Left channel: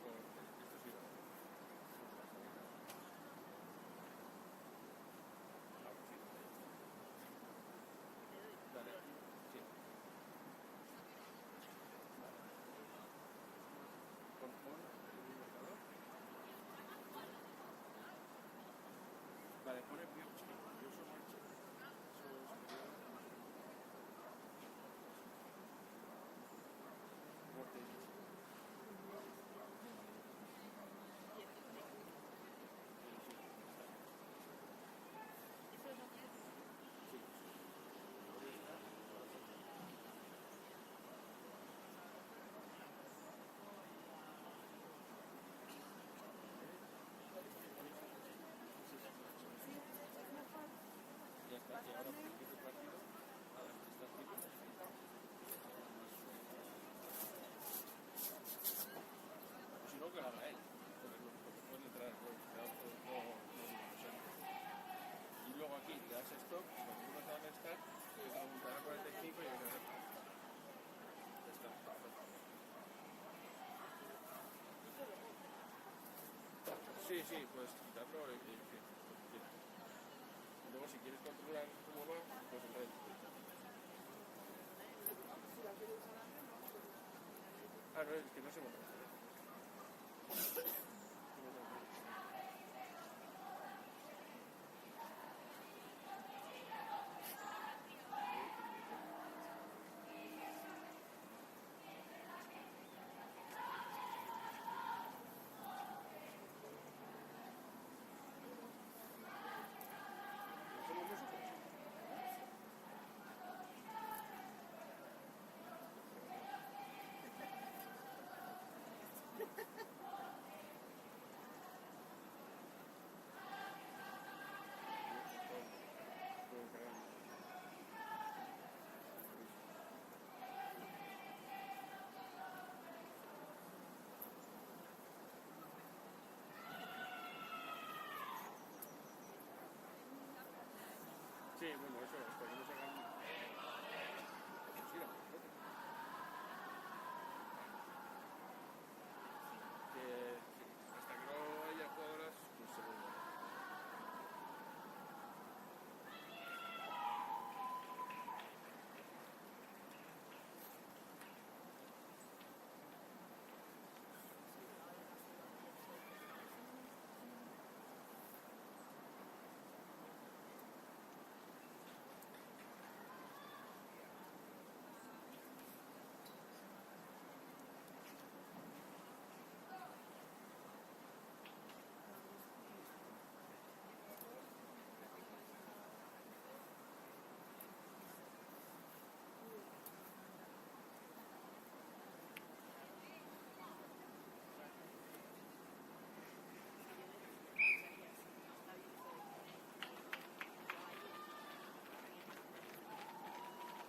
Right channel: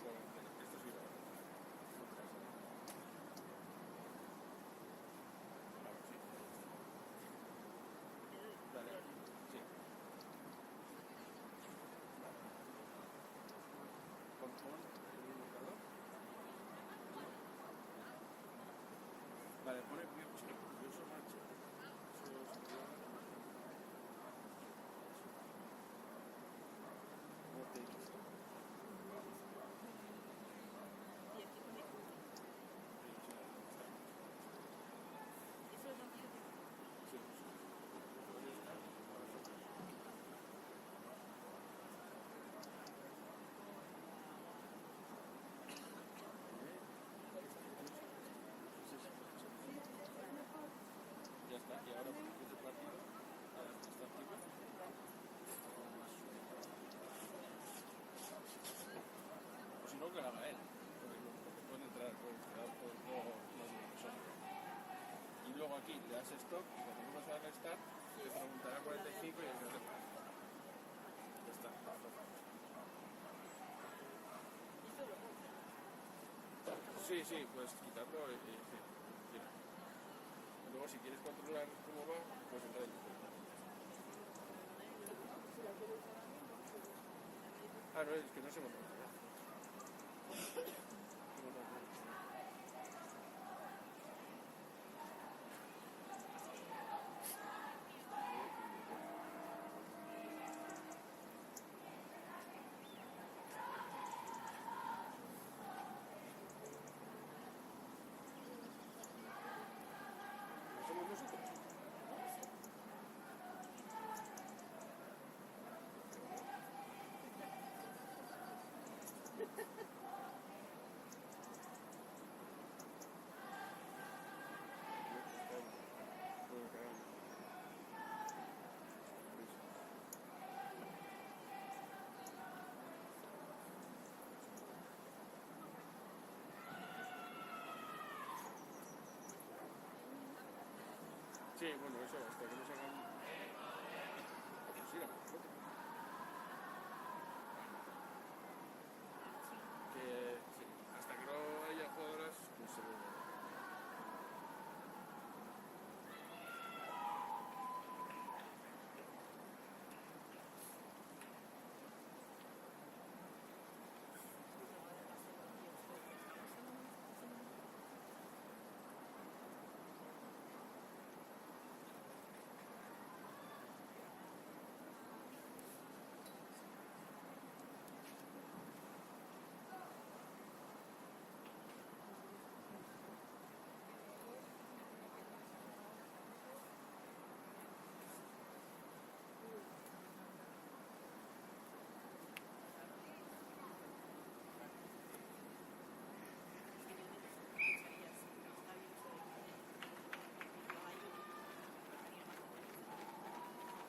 con esto sí va. Vamos, sí. Dale. Sí. Vale. Con el marcador. Vale, pone curioso marcha. Eso sería muerte. Y aquí pone eso lo tengo que hacer. Sí. Podría estar para nosotros. Ya está, y ahora cuando empiece el partido, a dar esta activa. O si no, que la haga él, porque pueden entrar no digo nosotros. Y luego aquí te das stop y cuando uno se da start, te preguntará 45 y ya se para. Ya está. Sí, sí, puedes quitarlo y quieras. Y luego si quieres controlar cómo va, puedes entrar en dificultad. Ah, no, es que no se monta. ¿No somos nosotros? Sí, bueno, eso, hasta que nos hagan... Sí, la nosotros. Que sí, hasta que no haya jugadoras, pues seguro.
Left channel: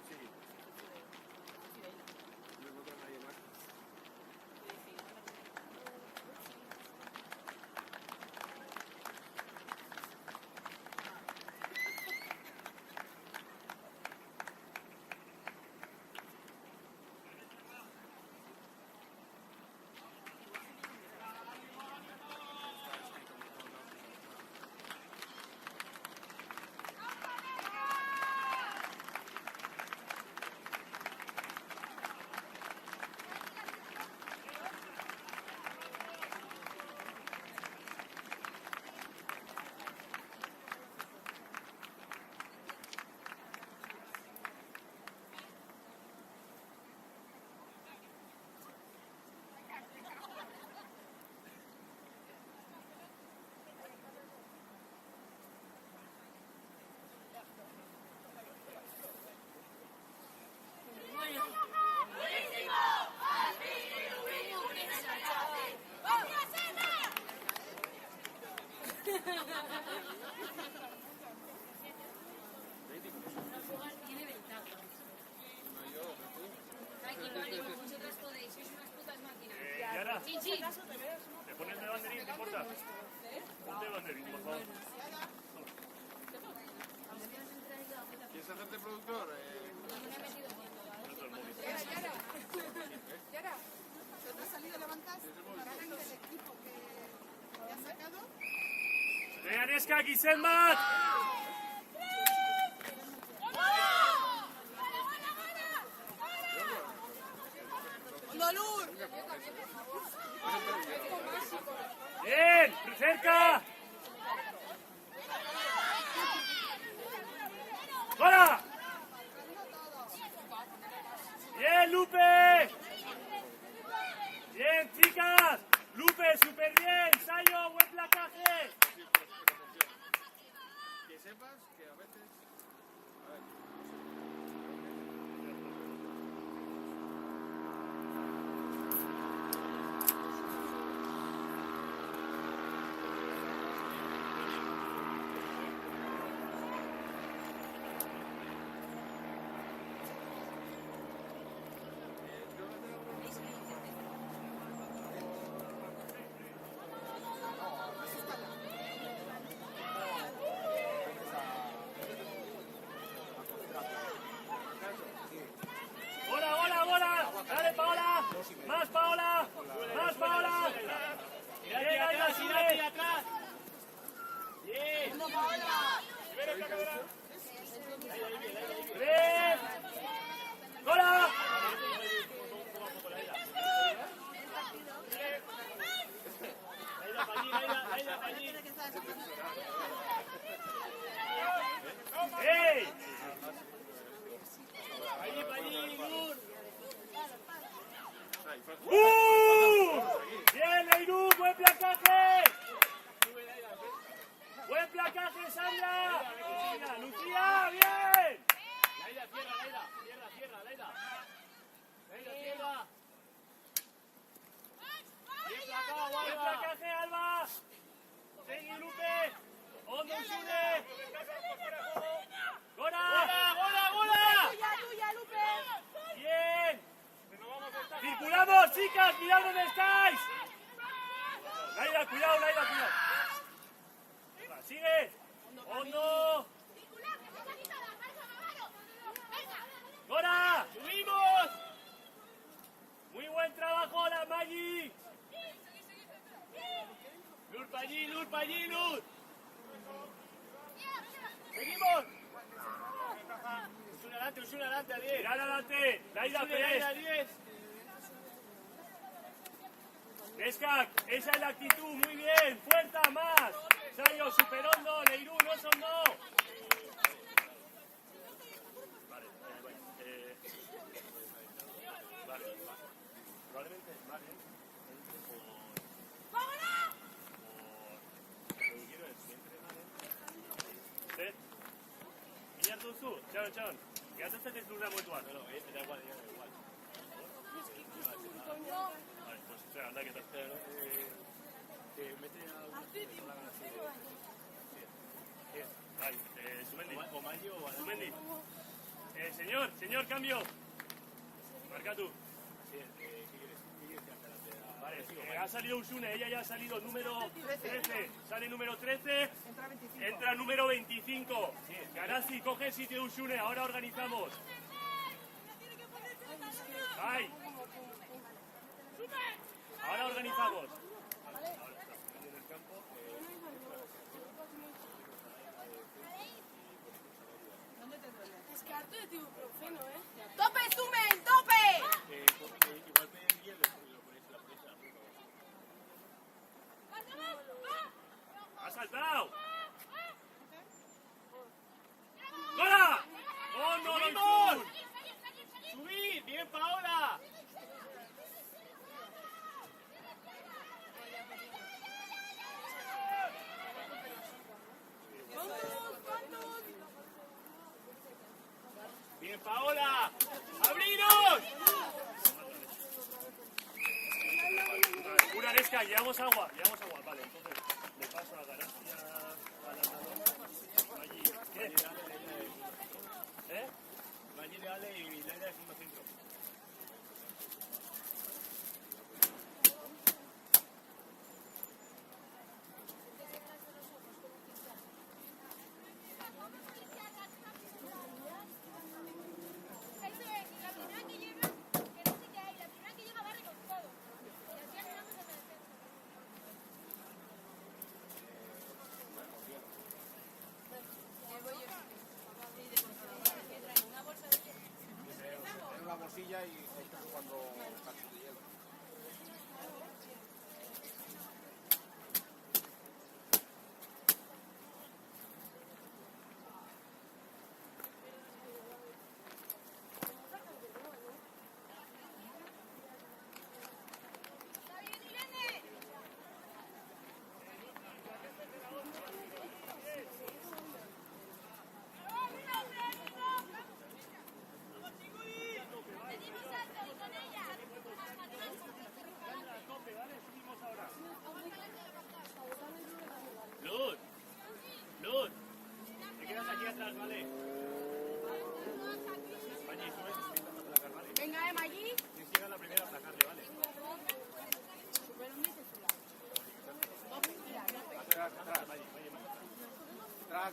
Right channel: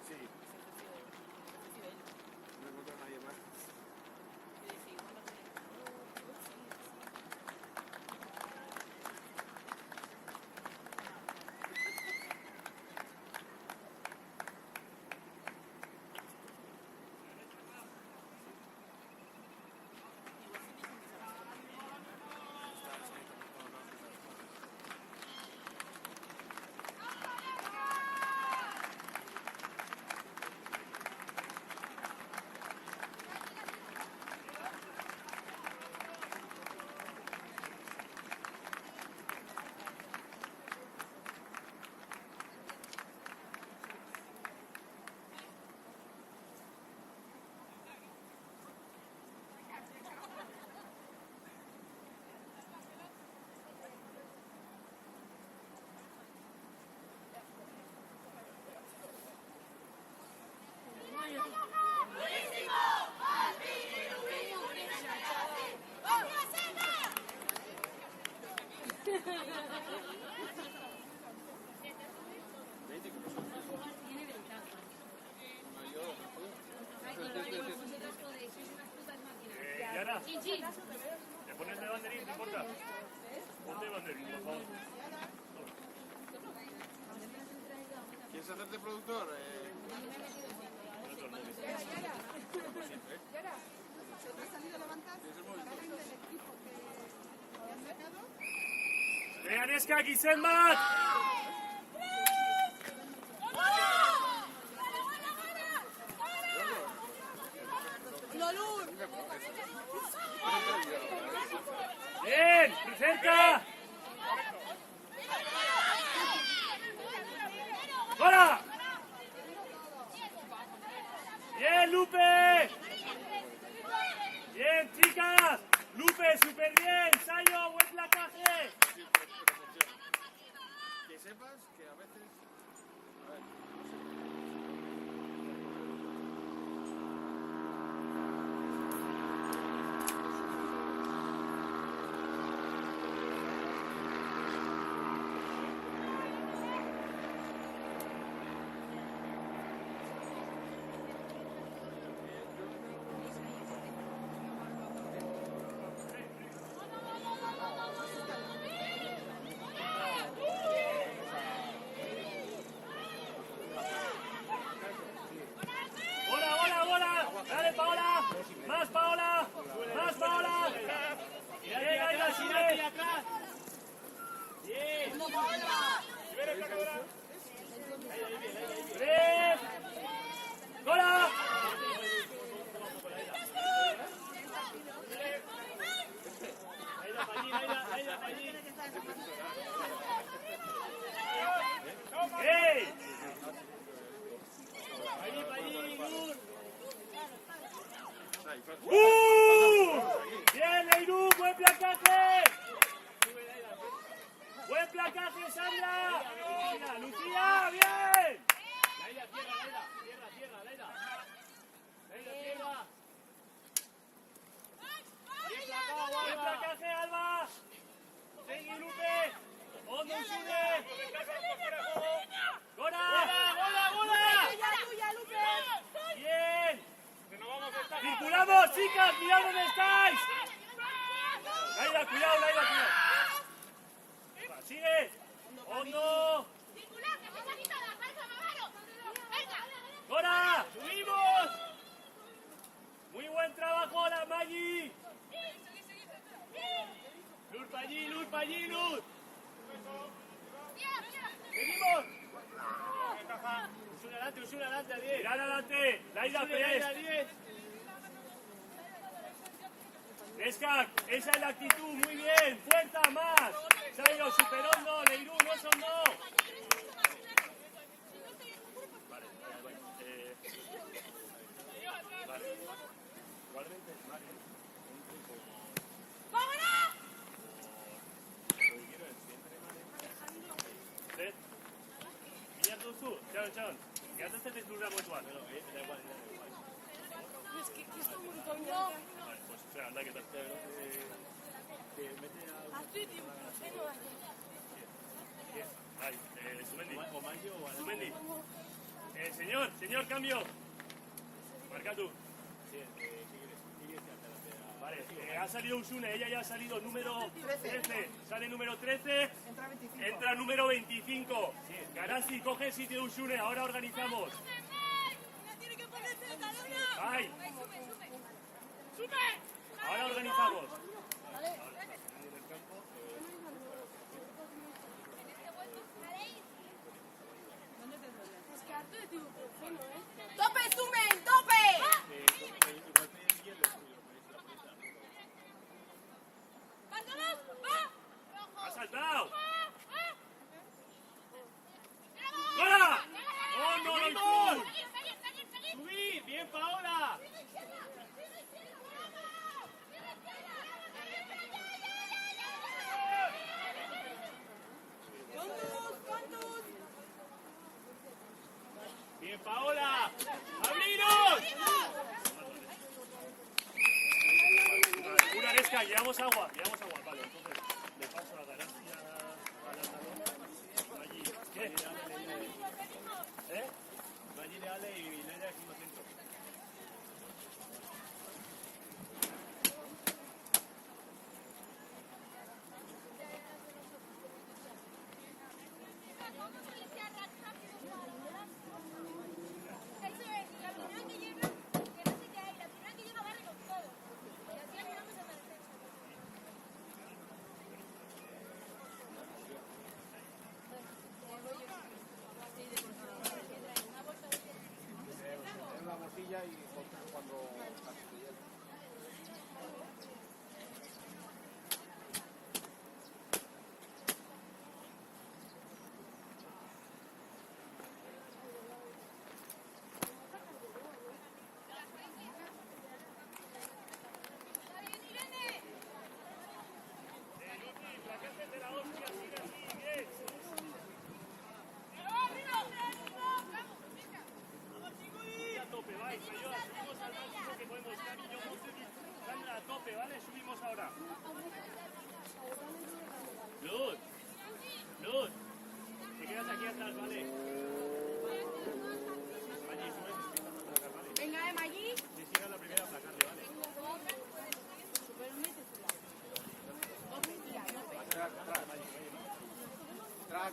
Sí, no encuentro a nadie más. Está escrito por todos lados que se las cosas. Mayor, Yara, ¿te pones de banderín, te importa? Ponte de banderín, por favor. ¿Quieres hacerte productor? Yara. Neska, Giselmat! Bien, cerca. ¡Hola! Bien, Lupe. Bien, chicas. Lupe, súper bien. Sayo, buen placaje. Que sepas que a veces, a ver, ¡Hola, hola, hola! ¡Dale, Paola! ¡Más, Paola! ¡Más, Paola! ¡Bien, Aida, sigue! ¡Bien! ¡Bien! ¡Hola! ¡Ey! ¡Bien, Leirú! ¡Buen placaje! ¡Buen placaje, Sandra! ¡Mira, Lucía! ¡Bien! ¡Buen placaje, Alba! ¡Segui, Lupe! ¡Hondo y sube! ¡Gora! ¡Bien! ¡Circulamos, chicas! ¡Mirad dónde estáis! Laida, cuidado, Laida, cuidado. Va, sigue. Hondo. ¡Gora! Muy buen trabajo, la Maggi. Luz allí, Luz. Seguimos. Es un adelante, a 10. Mirad adelante. Laida, tres. A 10. Neska, esa es la actitud, muy bien. Fuerza, más. Sayo, super hondo. Leirú, no son no. Vale, vale. Probablemente es más. Ciao. Ya te estás desnudando mutual. Vale, pues espera, anda que tal. Ay, Sumendi. Señor, cambio. Marca tú. Vale, ha salido Usune, ella ya ha salido número 13. Sale número 13. Entra número 25. Garasi, coge el sitio de Usune, ahora organizamos. ¡Ay! Ahora organizamos. ¡Tope, Sumen! ¡Tope! ¡Ha saltado! ¡Hola! ¡Oh, no, no! ¡Subí! ¡Bien, Paola! ¡Bien, Paola! ¡Abrimos! Una Neska, llevamos agua. Vale, entonces le paso a Garasi. ¿Eh? Eso es, y la primera que llega, que no se cae, la primera que llega barre con todo.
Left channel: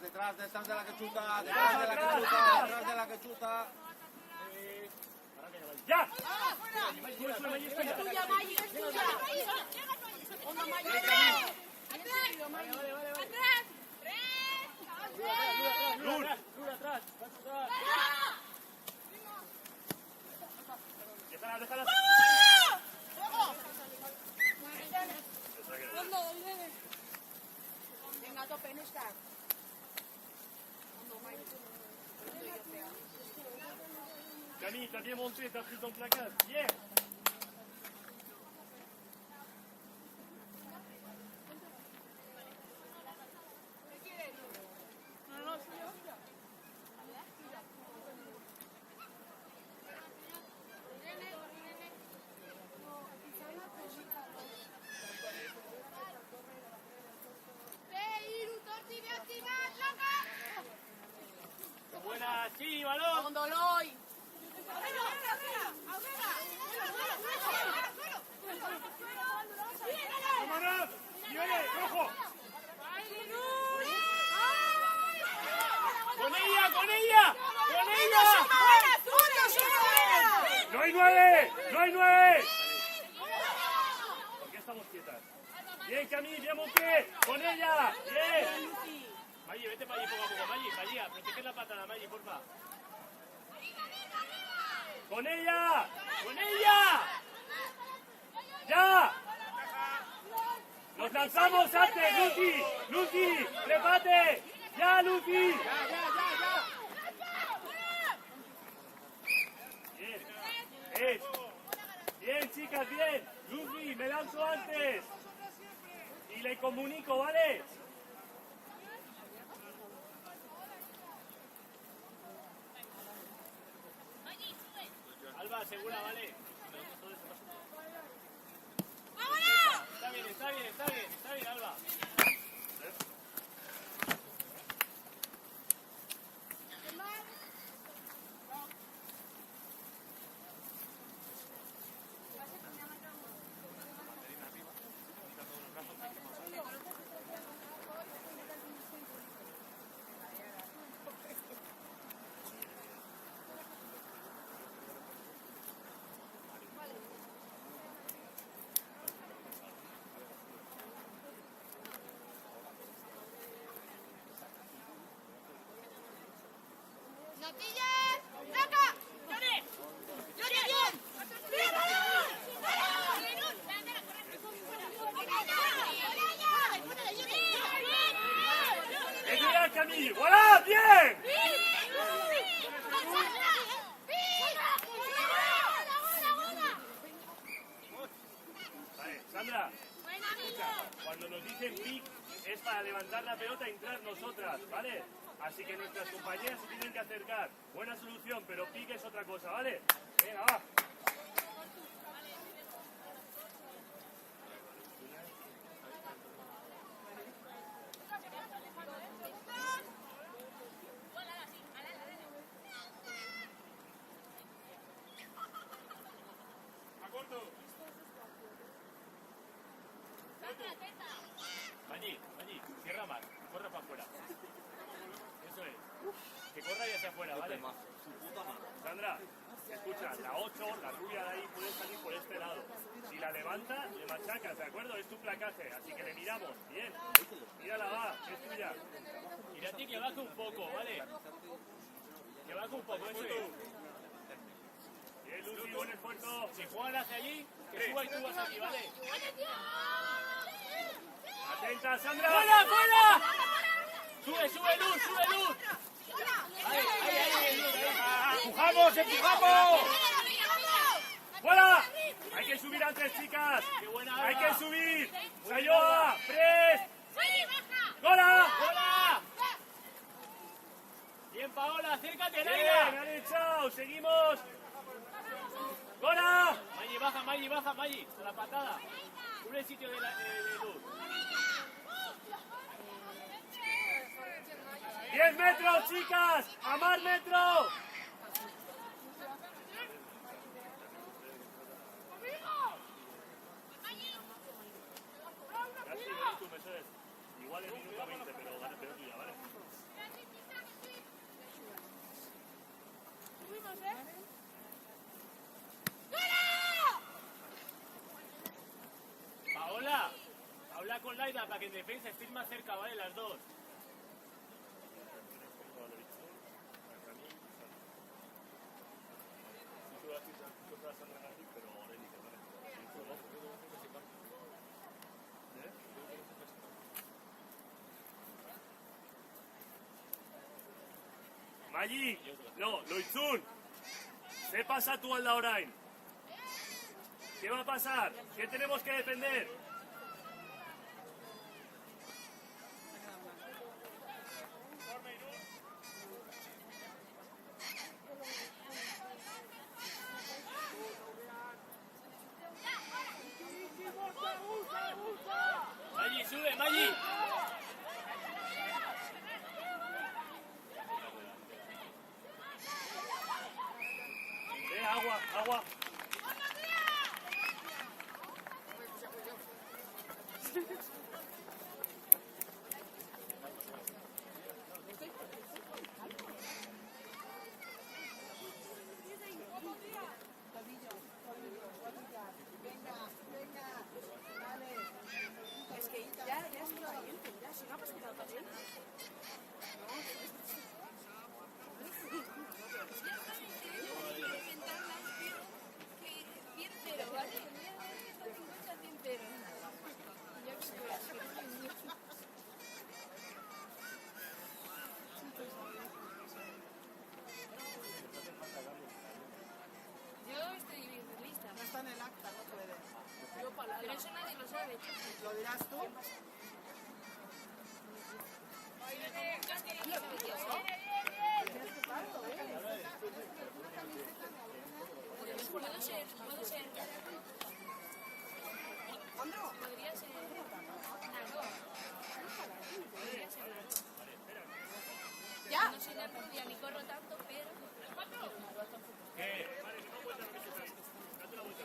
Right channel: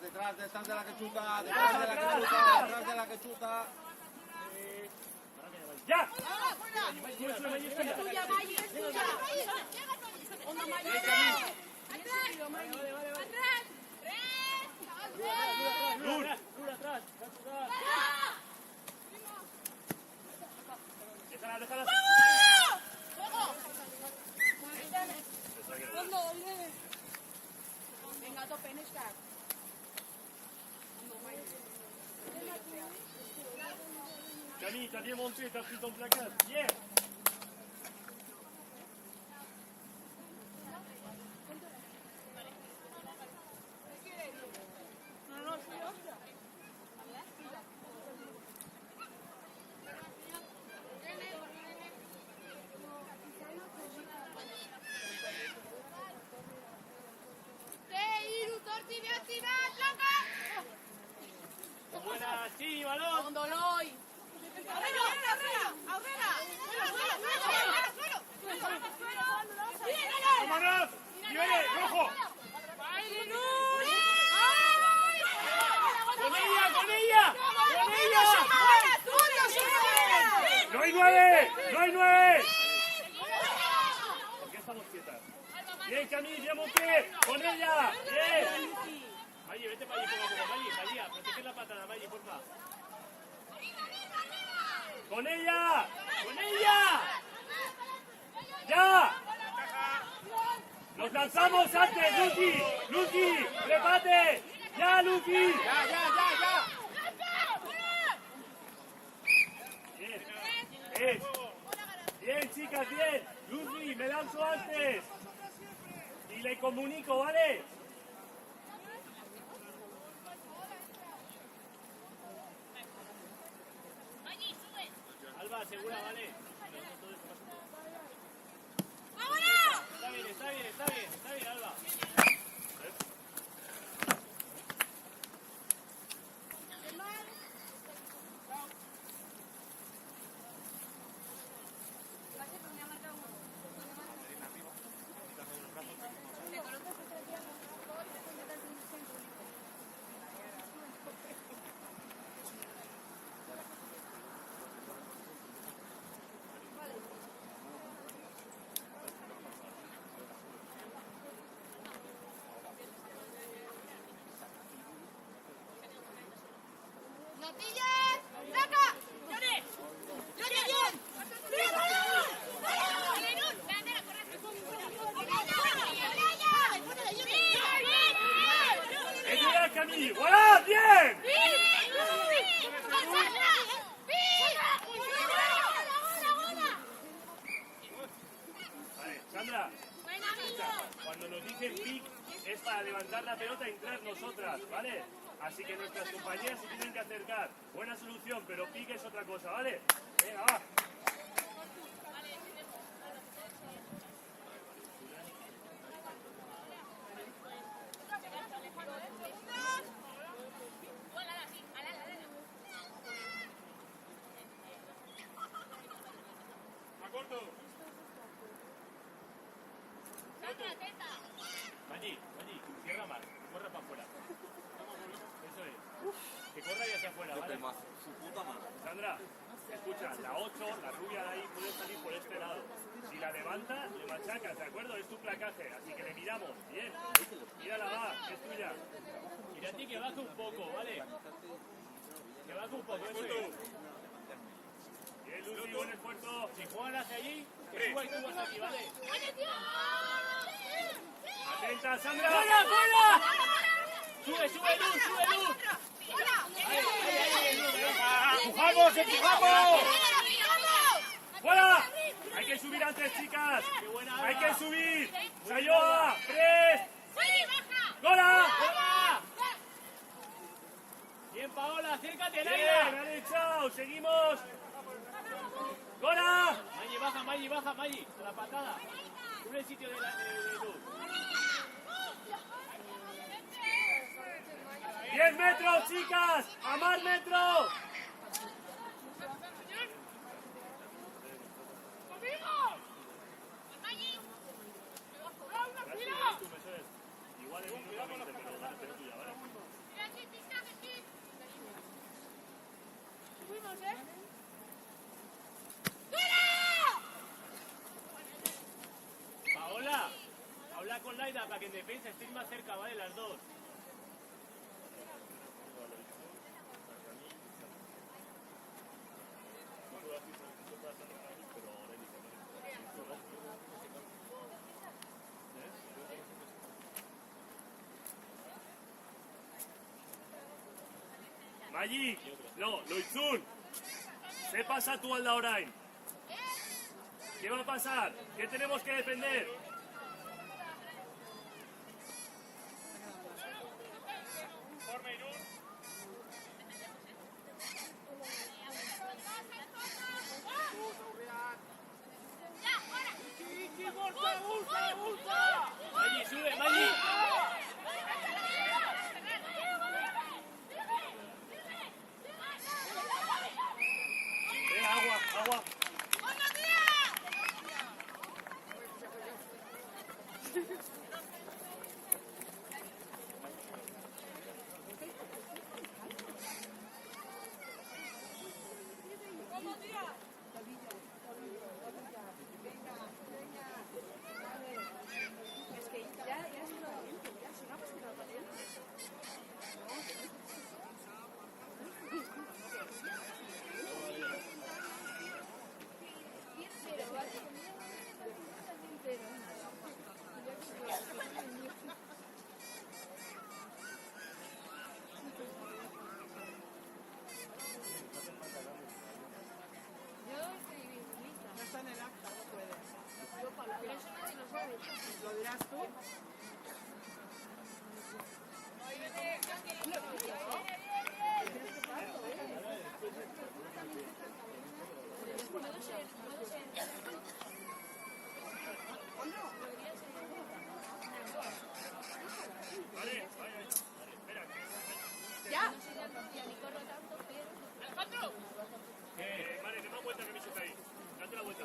detrás de la que chuta, detrás de la que chuta, detrás de la que chuta. ¡Ya! Déjala. Camille, t'as bien monté, t'as pris ton placard. Bien. Buena, sí, balón. ¡Vámonos! ¡Nivel rojo! ¡Con ella, con ella! ¡Con ella! ¡No hay 9! ¡No hay 9! ¿Por qué estamos quietas? Bien, Camille, bien monté. ¡Con ella! ¡Bien! Mayi, vete para allí, poco a poco. Mayi, protege la patada, Mayi, porfa. ¡Con ella! ¡Con ella! ¡Ya! ¡Nos lanzamos antes, Lucy! ¡Lucy! ¡Repate! ¡Ya, Lucy! Bien. Bien, chicas, bien. Lucy, me lanzo antes. Y le comunico, ¿vale? Alba, segura, vale. Está bien, Alba. ¡Notillas! ¡Saca! ¡Llore! ¡Llore bien! ¡Ayuda, Camille! ¡Hola! ¡Bien! Sandra, cuando nos dicen pick es para levantar la pelota e entrar nosotras, ¿vale? Así que nuestras compañeras se tienen que acercar. Buena solución, pero pick es otra cosa, ¿vale? Venga, va. A corto. Mayi, cierra más. Corre para afuera. Eso es. Que corra y hacia afuera, ¿vale? Sandra, escucha, la 8, la tuya de ahí puede salir por este lado. Si la levanta, le machacas, ¿de acuerdo? Es tu placaje, así que le tiramos. Bien, mírala, va, es tuya. Mira a ti que baje un poco, ¿vale? Que baje un poco, eso es. Bien, Lucy, buen esfuerzo. Si juegan las allí, que suba y tú vas aquí, ¿vale? Atenta, Sandra. ¡Fuera, fuera! ¡Sube, Luz! ¡Empujamos, empujamos! ¡Fuera! Hay que subir antes, chicas. Hay que subir. Sayoa, 3. ¡Gora! ¡Fuera! Bien, Paola, acércate, Bien, Laila. vale, chao, seguimos. ¡Gora! Mayi, baja, con la patada. Sube el sitio de Luz. 10 metros, chicas. ¡A más metros! Igual es un cuidado con los Fuimos, Paola, habla con Laida para que en defensa estéis más cerca, ¿vale? Las dos. Maggi, no, Loitzun, ¿qué pasa tú al la orain? ¿Qué va a pasar? ¿Qué tenemos que defender? Maggi, sube, Maggi. Agua, agua.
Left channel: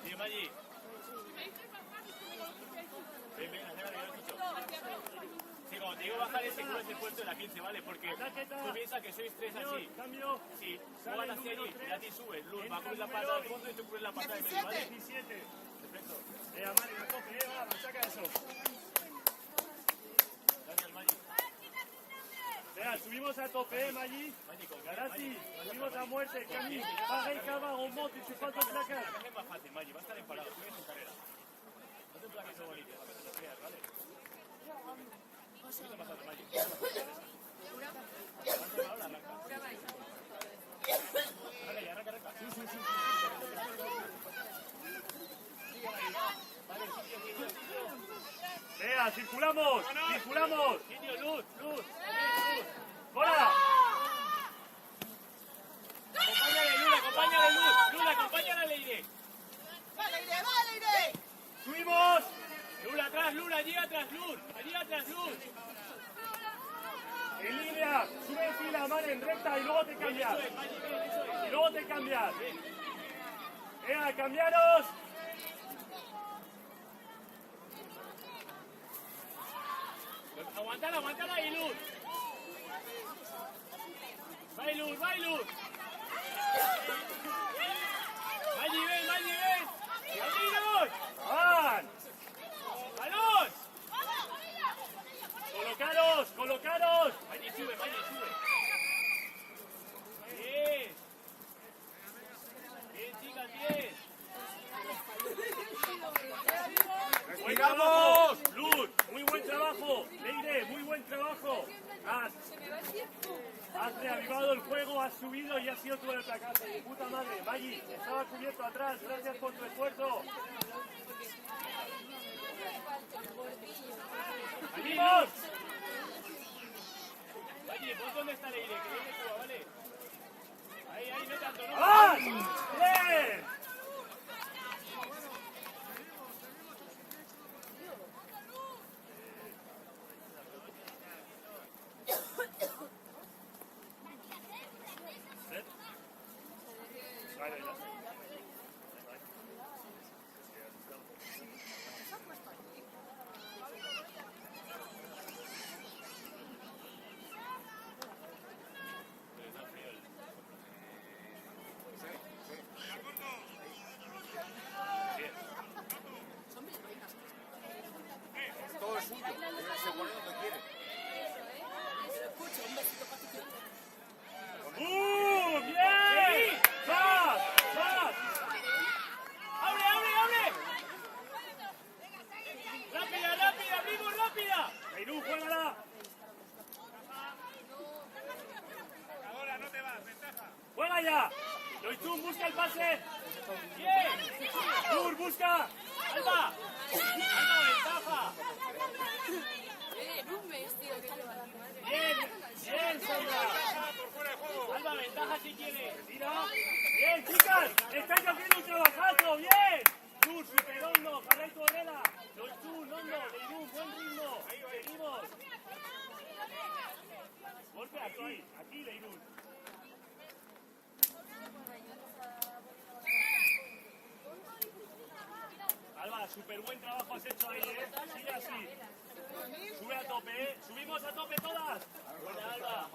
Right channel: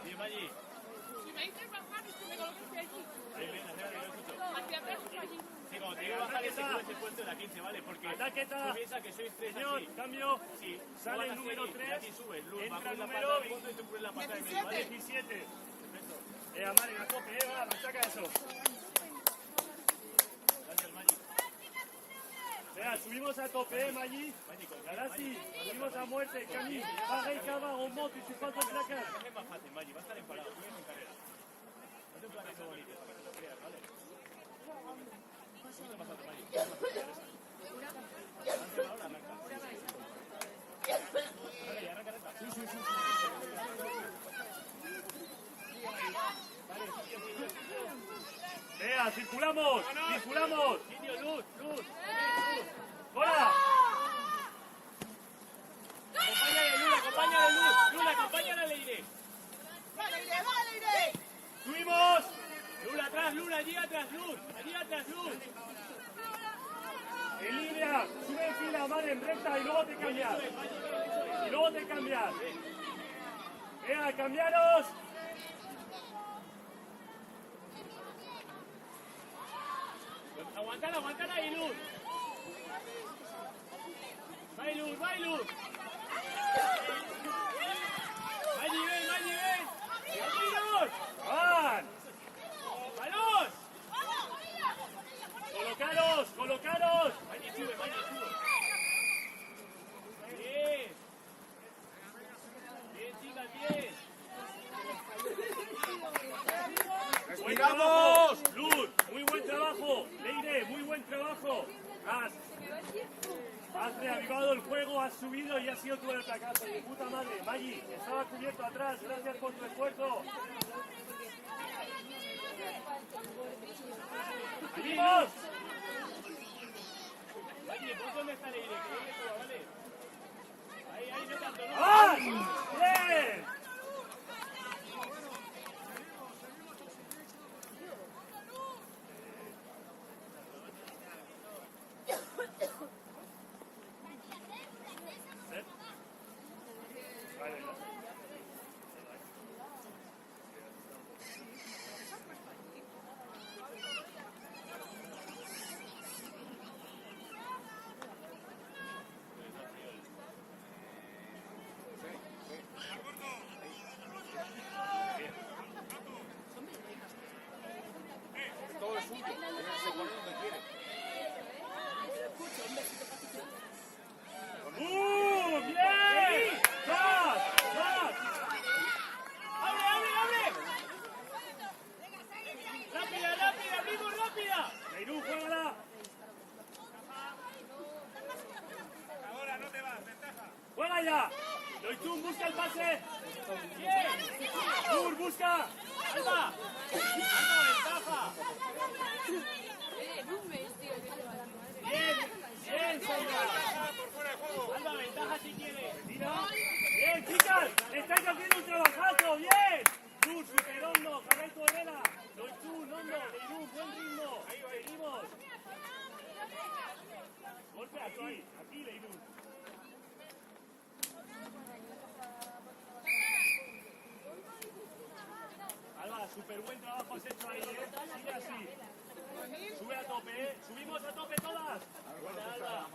Sí, Maggi. Sí, cuando te digo bajar ese culo te he puesto la 15, ¿vale? Porque tú piensas que sois tres así. Cambio, Sí, sale el tú número vas a 3. hacer y subes. Luz, va a Entra coger la el pata número al fondo y tú coges la pata del medio, ¿vale? 17. Mari, la copa, me saca eso. Vea, subimos a tope, Maggi. Y ahora sí, subimos a muerte. Camille, paga y salva un moto y su falta de placa. Es más fácil, Maggi, va a estar en parado, no en carrera. No te planes a bonito. Vale. Sí, no pasa, Maggi. Venga, circulamos, circulamos. Luz, luz. ¡Hola! Acompáñale, Luz, acompáñale, Luz. Luz, acompáñale, Leire. ¡Subimos! Luz, atrás, Luz, allí atrás, Luz. Allí atrás, Luz. En línea, sigue en fila, mano en recta y luego te cambias. Y luego te cambias. Venga, cambiaros. Aguantala, aguantala ahí, Luz. Va, Luz, va, Luz. Allí, ven, allí, ven. Allí, Luz. ¡Van! ¡Balón! ¡Colocaros, colocaros! Allí, sube, allí, sube. Bien. Bien, chicas, bien. ¡Respiramos! ¡Luz! ¡Muy buen trabajo! ¡Leire, muy buen trabajo! Has reavivado el juego, has subido y has sido tú el atacante. ¡De puta madre! Maggi, estaba cubierto atrás. Gracias por tu esfuerzo. ¡Seguimos! Oye, ¿por dónde está Leire? Que viene todo, ¿vale? Ahí, ahí, vete al torneo. ¡Ah! ¡Bien! Orchun, busca el pase. Bien. Dur, busca. Alba. Alba, ventaja. Bien, bien, Sandra. Alba, ventaja si quiere. Bien, chicas, estáis haciendo un trabajazo, bien. Dur, super hondo, Javier Correra. Orchun, hondo, Beirut, buen ritmo. Seguimos. Golpe aquí, Beirut. Alba, súper buen trabajo has hecho ahí, ¿eh? Sigue así. Sube a tope, ¿eh? Subimos a tope todas. Buena, Alba.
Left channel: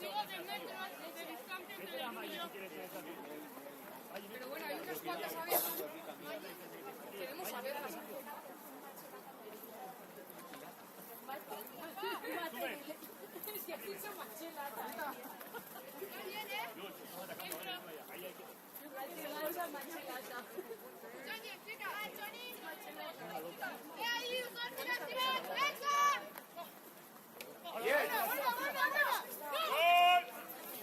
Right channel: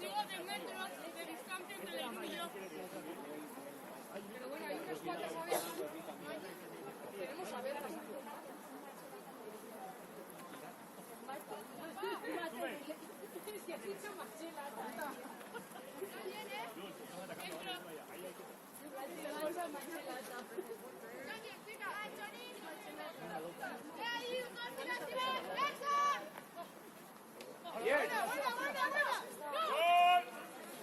Digo de metros de distancia entre el y yo. Pero bueno, hay unas cuantas a ver. Queremos saberlas.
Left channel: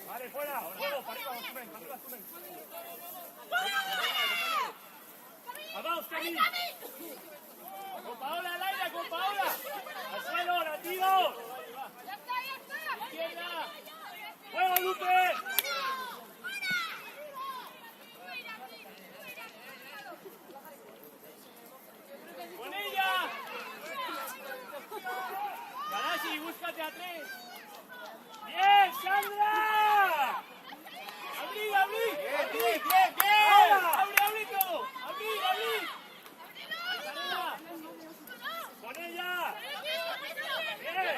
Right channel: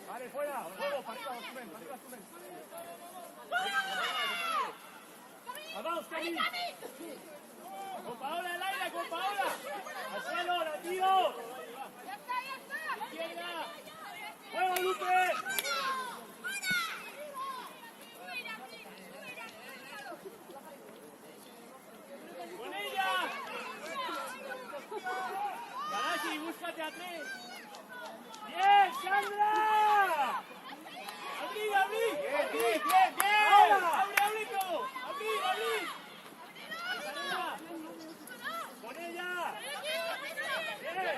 Vale, fuera. Vamos, Kevin. Con Paola, Laura, con Paola. Al suelo, latido. Izquierda. ¡Juega, Lupe! Con ella. Garashi, búscate a tres. ¡Bien, Sandra! ¡Abrí, abrí! ¡Bien, bien, bien! ¡Abrí, abrí todo! ¡Abrí, abrí! ¡Con ella! ¡Bien!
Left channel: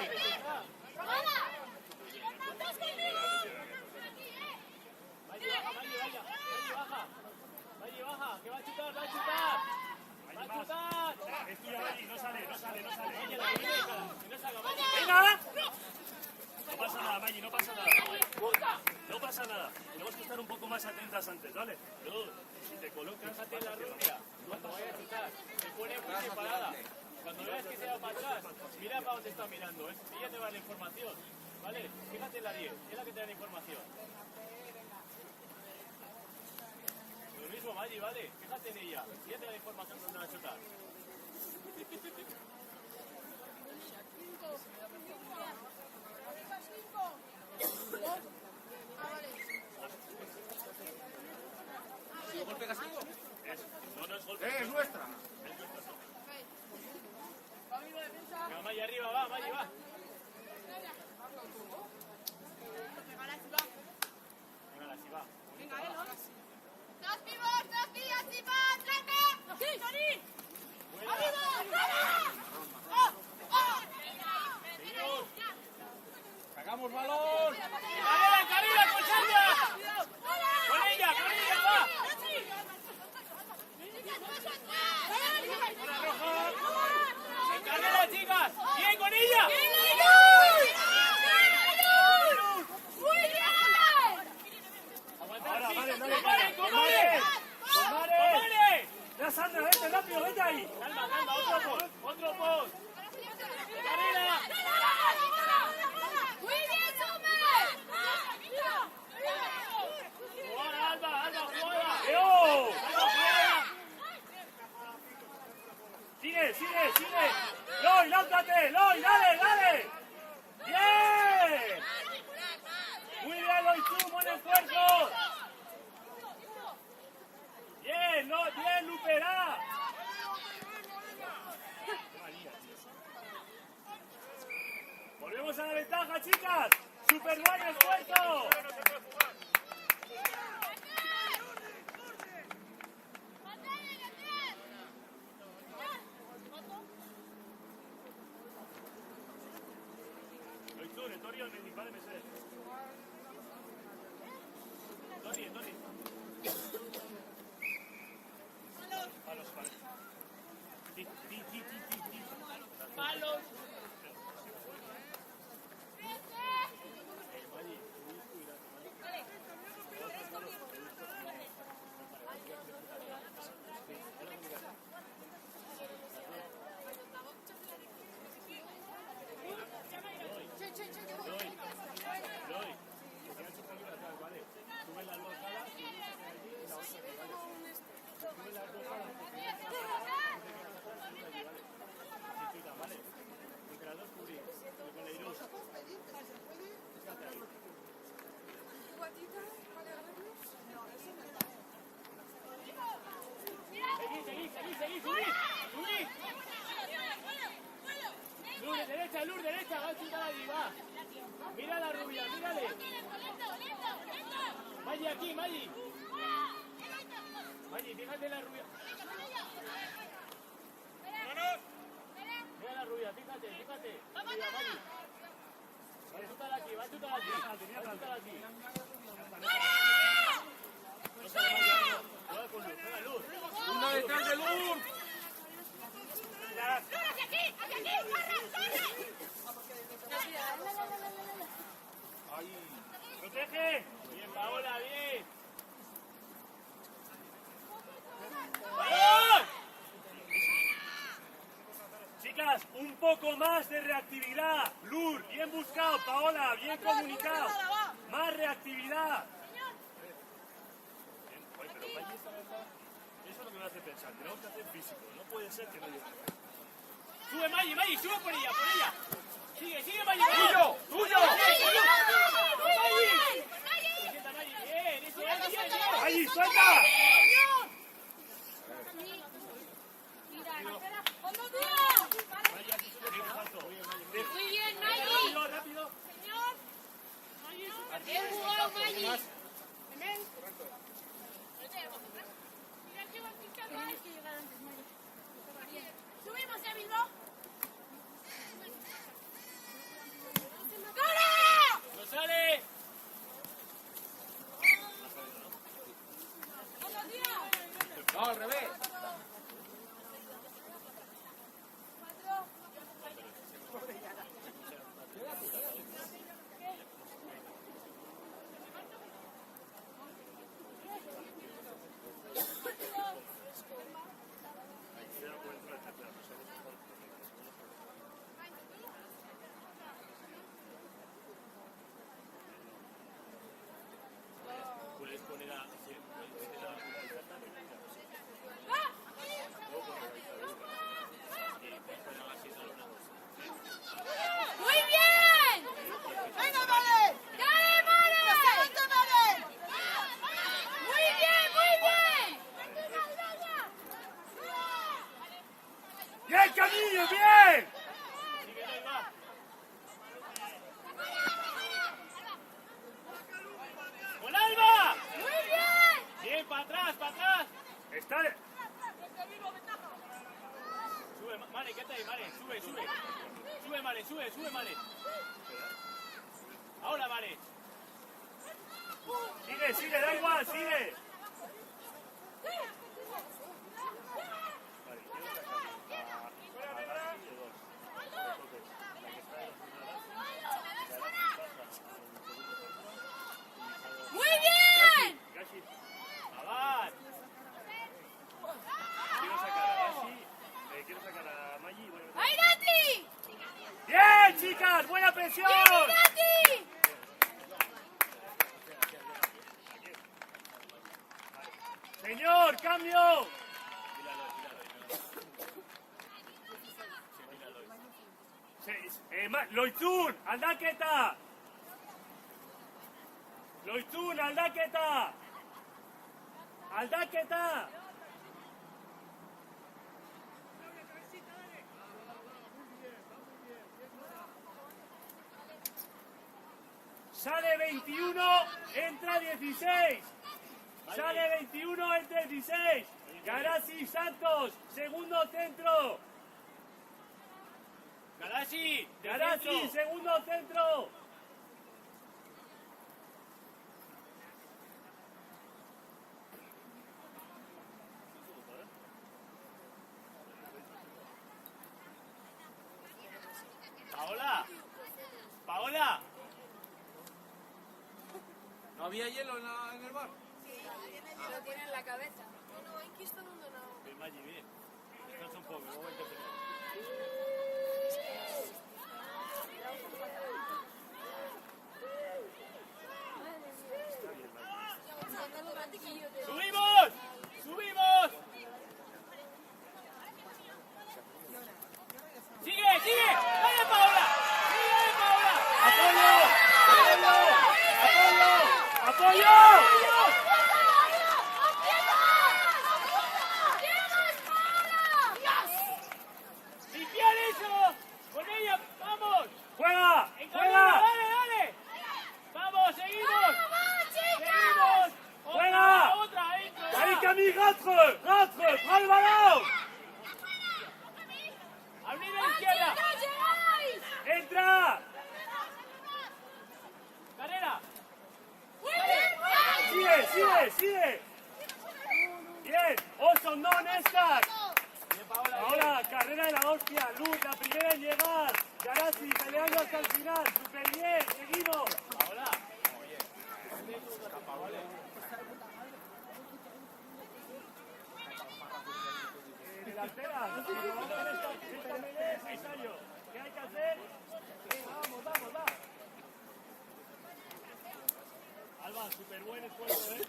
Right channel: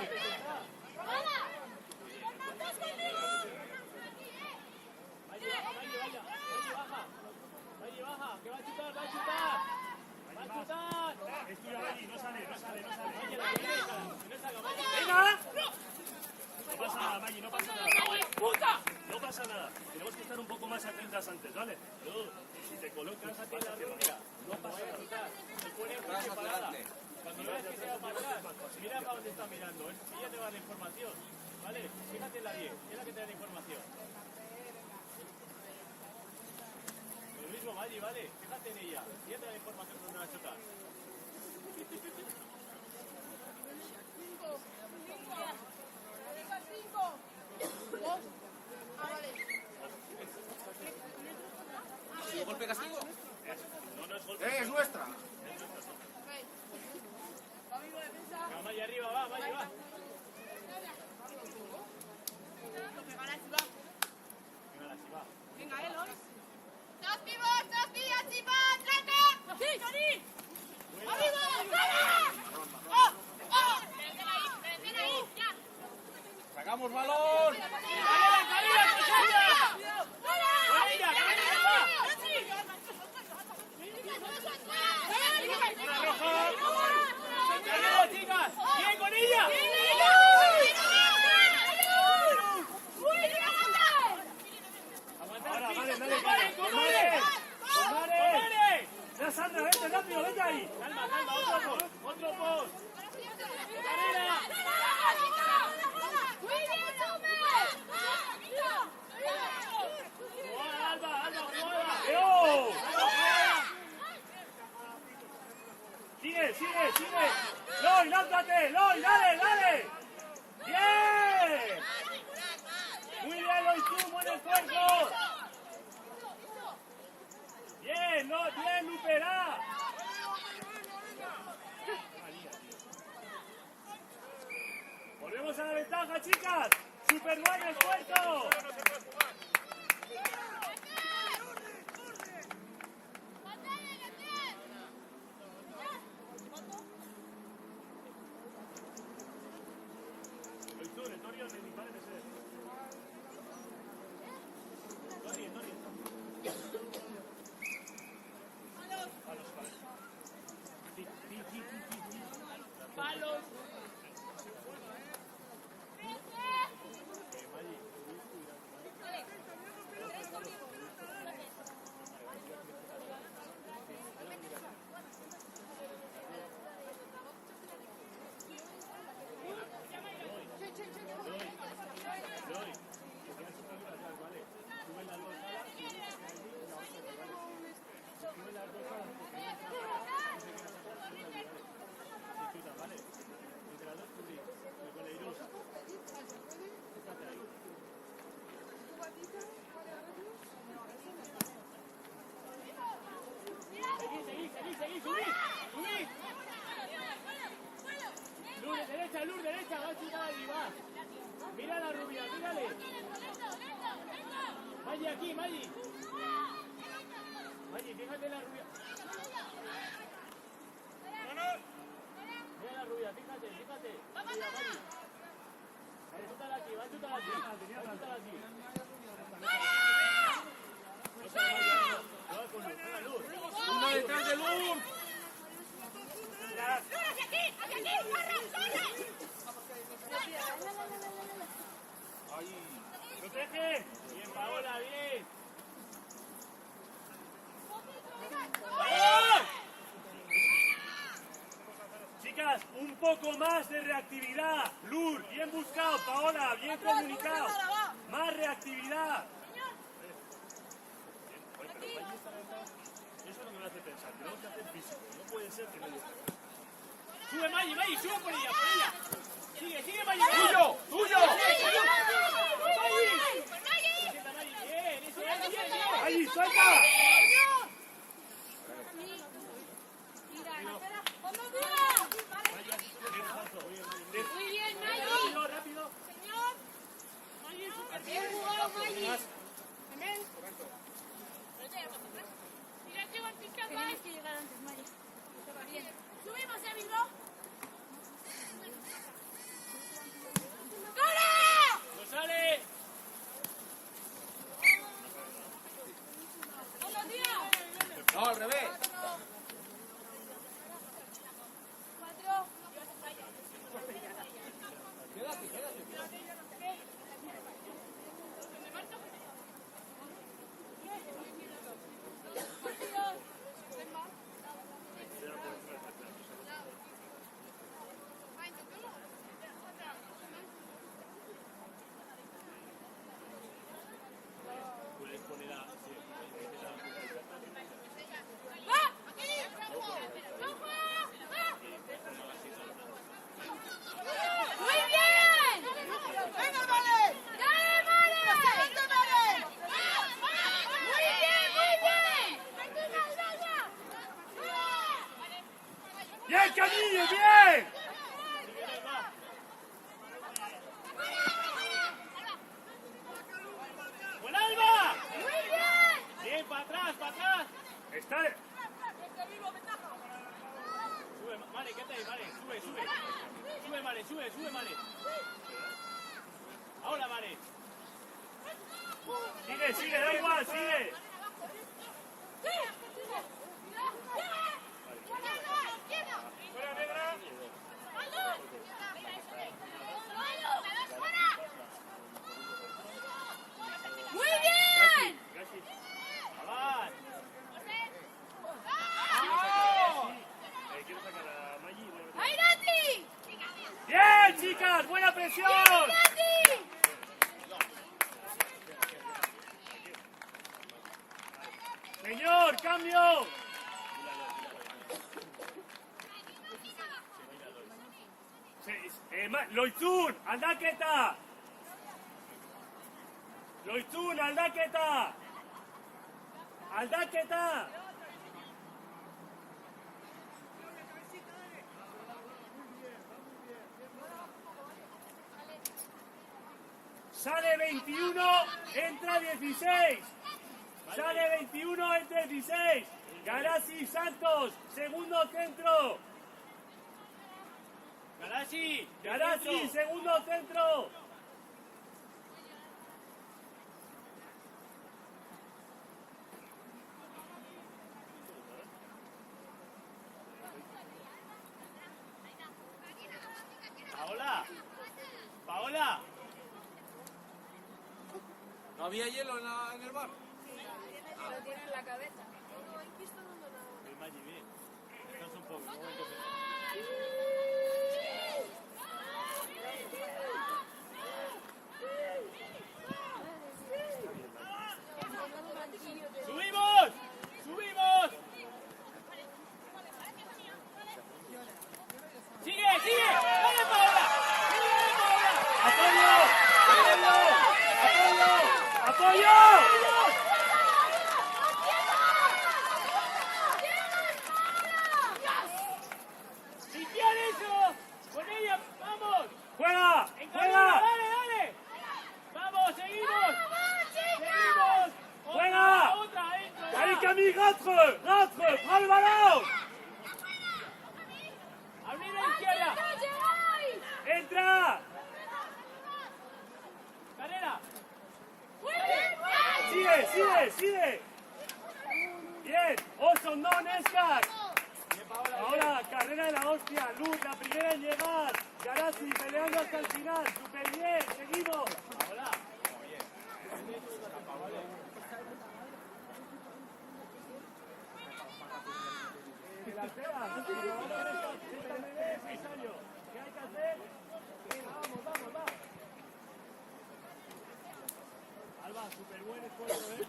Valle, baja, que va a chutar, va a chutar. Va a chutar. Estoy ahí, no sale. Valle, la derecha. ¡Venga! No pasa nada, Maggi, no pasa nada. No pasa nada. Tenemos que estar un poco más atentas antes, ¿vale? Si te colocas, vas hacia la derecha. No pasa nada. Atrás hacia adelante. Cuando no ves que se va a marchar, mira para dónde está mirando. Ella te va a dar información. ¿Vale? Fíjate en la 10, es la que te da la información. Lo mismo, Maggi, ¿vale? Fíjate en ella. Ella te da la información cuando la chuta. Golpe castigo. ¡Es nuestra! Va, Maggi, arriba, va, Maggi, va. Venga, Eloy. ¡Dos pibos, así va! ¡Traca! ¡Sí, Johnny! ¡Arriba! ¡Arriba! aquí, Maggi. Maggi, fíjate la rubia. Mira la rubia, fíjate. Mira, Maggi. Va a chutar aquí. Va a chutar aquí. Esa es Maggi. Cuidado con Luz. Uno detrás de Luz. ¡Hacia aquí! ¡Corre! ¡Pepe! Bien, Paola, bien. ¡Vamos! Chicas, un poco más de reactividad. Luz, bien buscado. Paola, bien comunicado. Más reactividad. Eso no me hace pensar, tenemos que hacer físico, no puede ser que no lo... ¡Sube, Maggi, sube con ella! ¡Sigue, Maggi! ¡Tuyo! ¡Allí, suelta! Muy bien, Maggi. Maggi, súper bien. Subimos, amigo. ¡No sale! No, al revés. ¡Muy bien! ¡Dale, Mare! ¡Muy bien! ¡Ya, Camillo, bien! ¡Con Alba! Bien, para atrás. Está... Sube, Mare, ¿qué tal, Mare? Sube. Sube, Mare. Ahora, Mare. Sigue, da igual, sigue. ¡Muy bien! ¡Avanz! ¡Ahí, Nati! ¡Bien, chicas! ¡Buena presión! ¡Nati! ¡Señor, cambio! Loizun, aldaketa! Loizun, aldaketa! Aldaketa! Sale 21, entra 16. Sale 21, entra 16. Garasi Santos, segundo centro. Garasi, segundo centro. Paola. ¿No había hielo en el bar? Lo tiene en la cabeza. El Maggi, bien. Descansa un poco, un momento. ¡Subimos! ¡Sigue! ¡Vamos, Paola! ¡Apoyo! ¡Apoyo! ¡Si quieres eso! ¡Con ella! ¡Vamos! ¡Juega! ¡Dale! ¡Vamos! ¡Seguimos! Samy, rentre, prends le ballon. Abrir a la izquierda. Entra. Carrera. Sigue. Bien, Olson, no, Néstor. Ahora, carrera de la hostia, Luz, la primera en llegar. Garasi, peleando hasta el final, súper bien, seguimos. Ahora. ¿Qué hay que hacer? Alba, súper buen esfuerzo, ¿eh?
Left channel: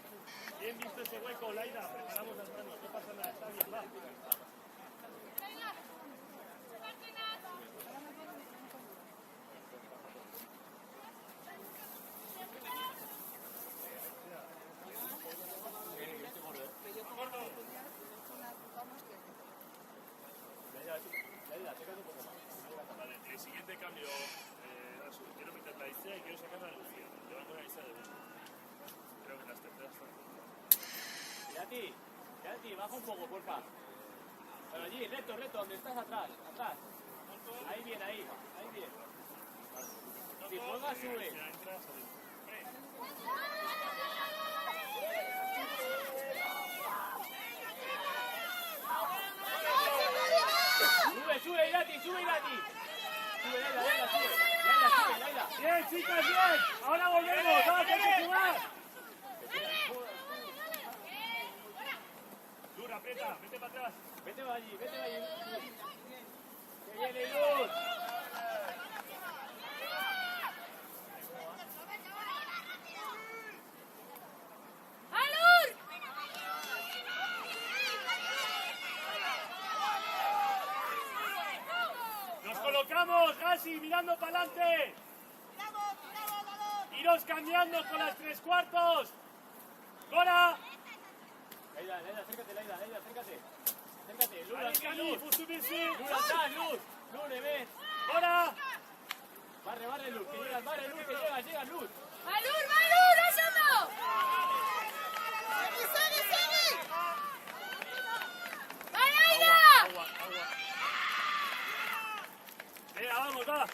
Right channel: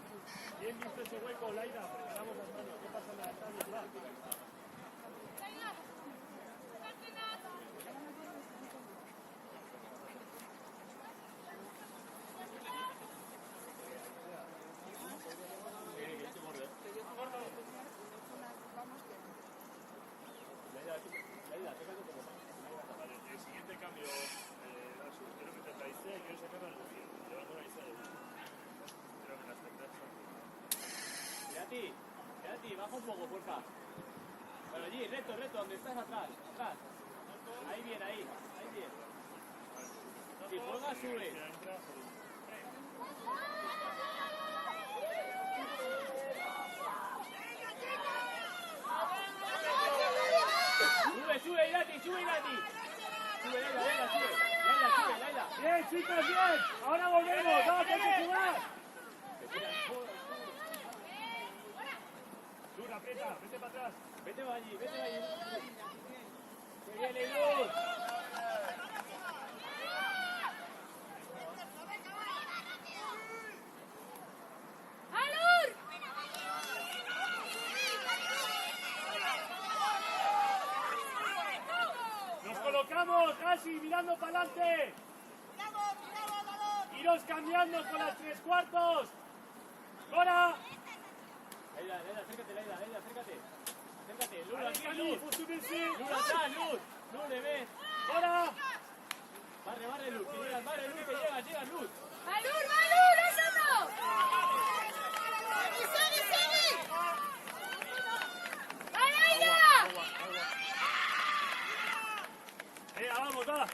Bien visto ese hueco, Laida. Preparamos las manos, no pasa nada, estamos igual. Vale, el siguiente cambio, quiero meter la Isea y quiero sacar la Lucía. Le voy a poner a Isea de nuevo. Creo que las terceras son. Gatti, baja un poco, porfa. Pero allí, recto, donde estás atrás. Ahí bien. Si juega, sube. Sube, Gatti. Sube, Laila. Bien, chicas, bien. Ahora volvemos, vamos, hay que jugar. Dura, aprieta, vete para atrás. Vete allí. Se viene bien. Nos colocamos casi mirando para adelante. Iros cambiando con las 3/4. ¡Ahora! Laila, acércate, acércate. Luz, Allez, Camille, faut subir sur. Luz, le ves. ¡Ahora! Barre, Luz, que llega, Luz. Venga, vamos, va.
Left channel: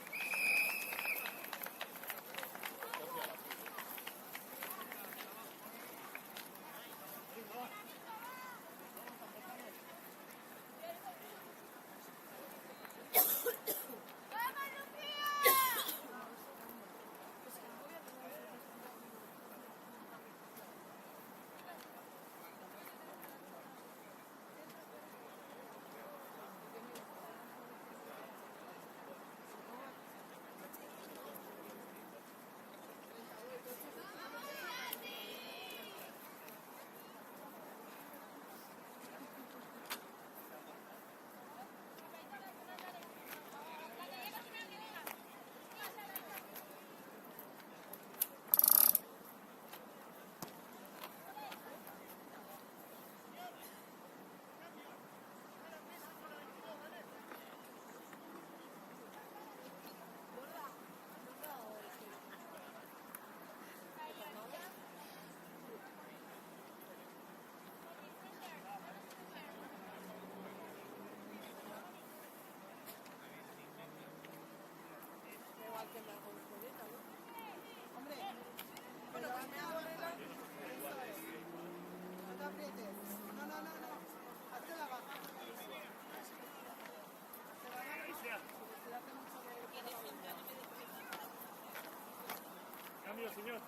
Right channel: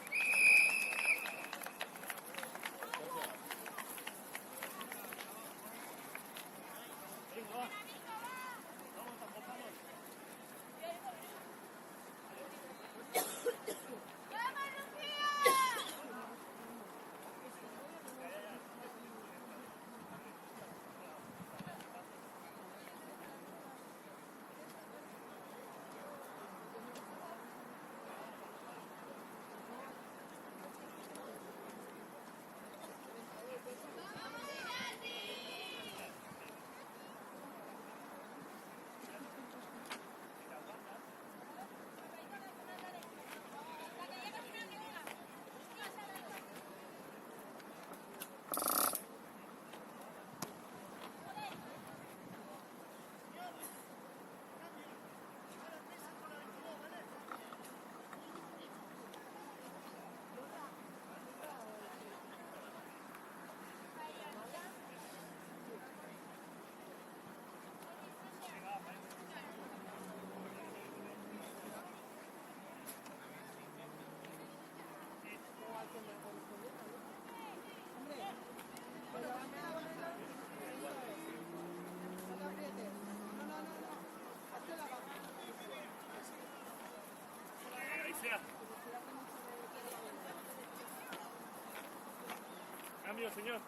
Cambio, señor.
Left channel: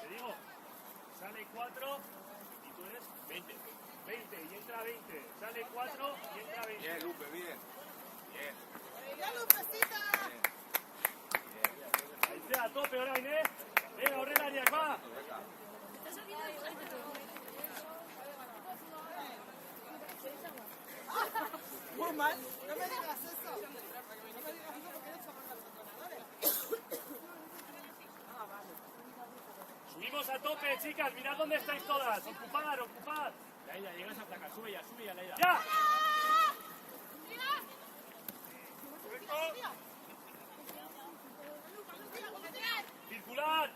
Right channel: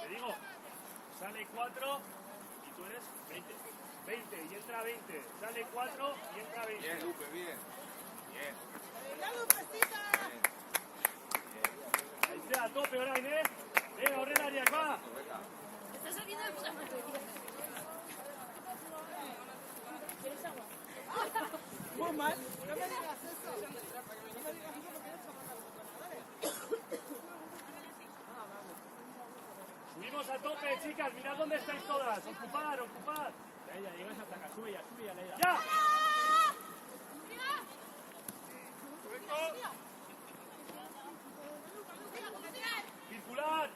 Te digo, sale 4 y tú eres 20. 20 y entra 20. Sale 4 y entra 20. Bien, Lupe, bien. Ahí sea, a tope ahora, Inés. Venga, Horrela, Arias, va. Subimos a tope, chicas. Mirad dónde estáis todas. Ocupad. Laila, llegas hasta acá. Sube ya, Laila. ¡Ya! Circular.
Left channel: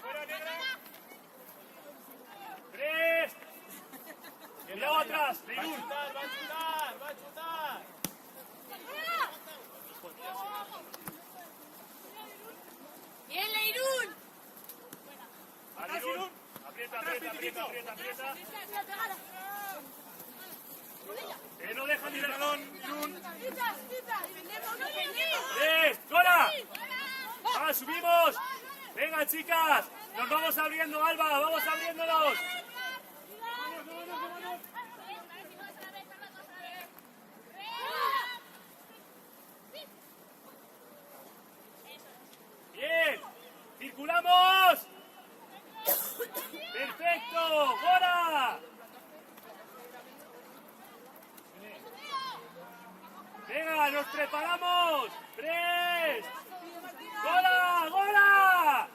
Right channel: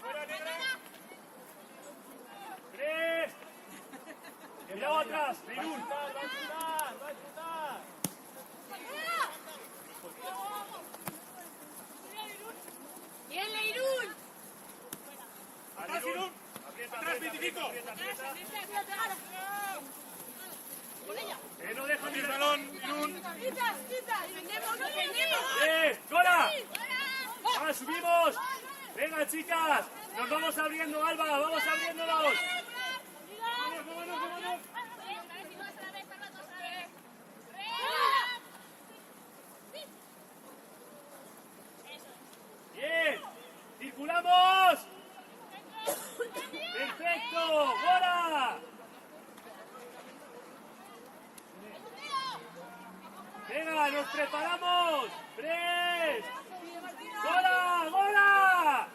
Fuera. Kiko. Que no deja mi balón, Jun. ¡Fuera! ¡Ah, subimos! ¡Venga, chicas! Pues vamos abriendo, Alba, vamos abriéndonos. ¡Bien! ¡Circulamos! ¡Perfecto! ¡Gora! ¡Venga, nos preparamos! ¡Tres! ¡Gora! ¡Gora!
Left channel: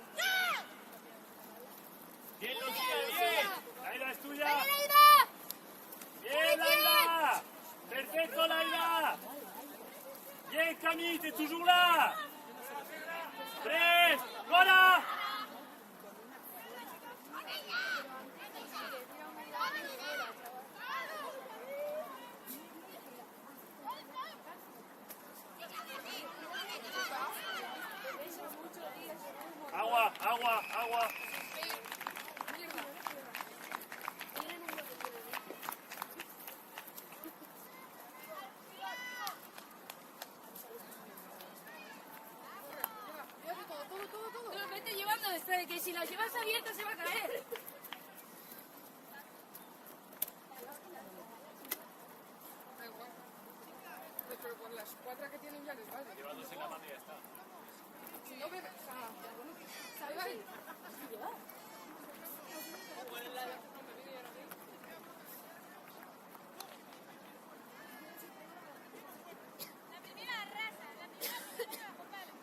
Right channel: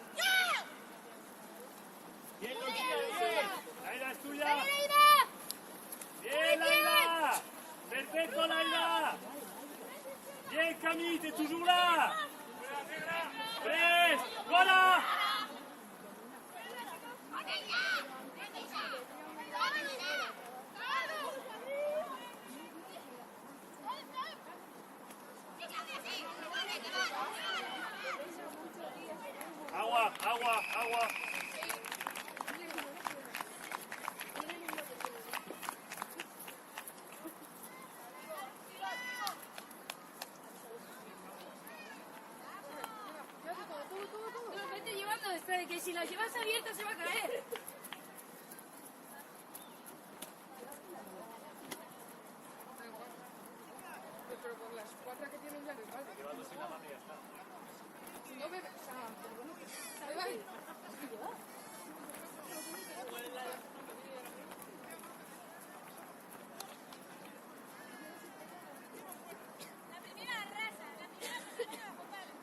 ¡Bien, Lucía, bien! ¡Laila es tuya! ¡Bien, Laila! ¡Perfecto, Laila! ¡Bien, Camille, t'es toujours là! ¡Tres! ¡Gora! Agua, agua, agua. Vete llevando desde que si la llevas abierta se va a caer. La primera raza, la primera que se juega, Juan Pablo.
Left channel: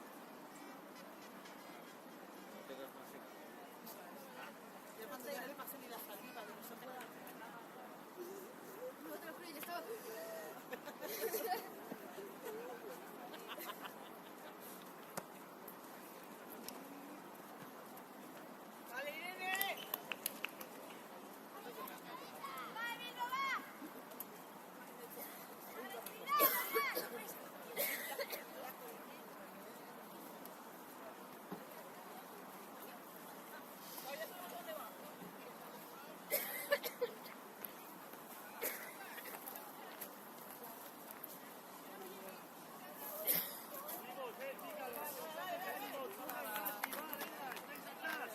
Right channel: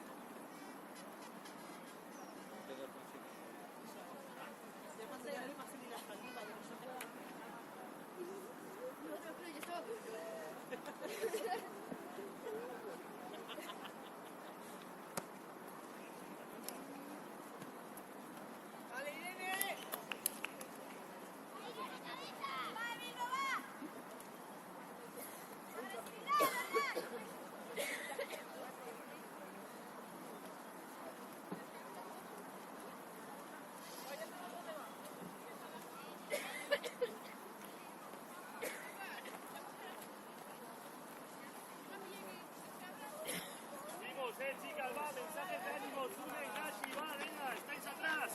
Seguimos, chicas, va, mensajes de ánimo, Tuna y Nasi, va, venga, estáis atrás.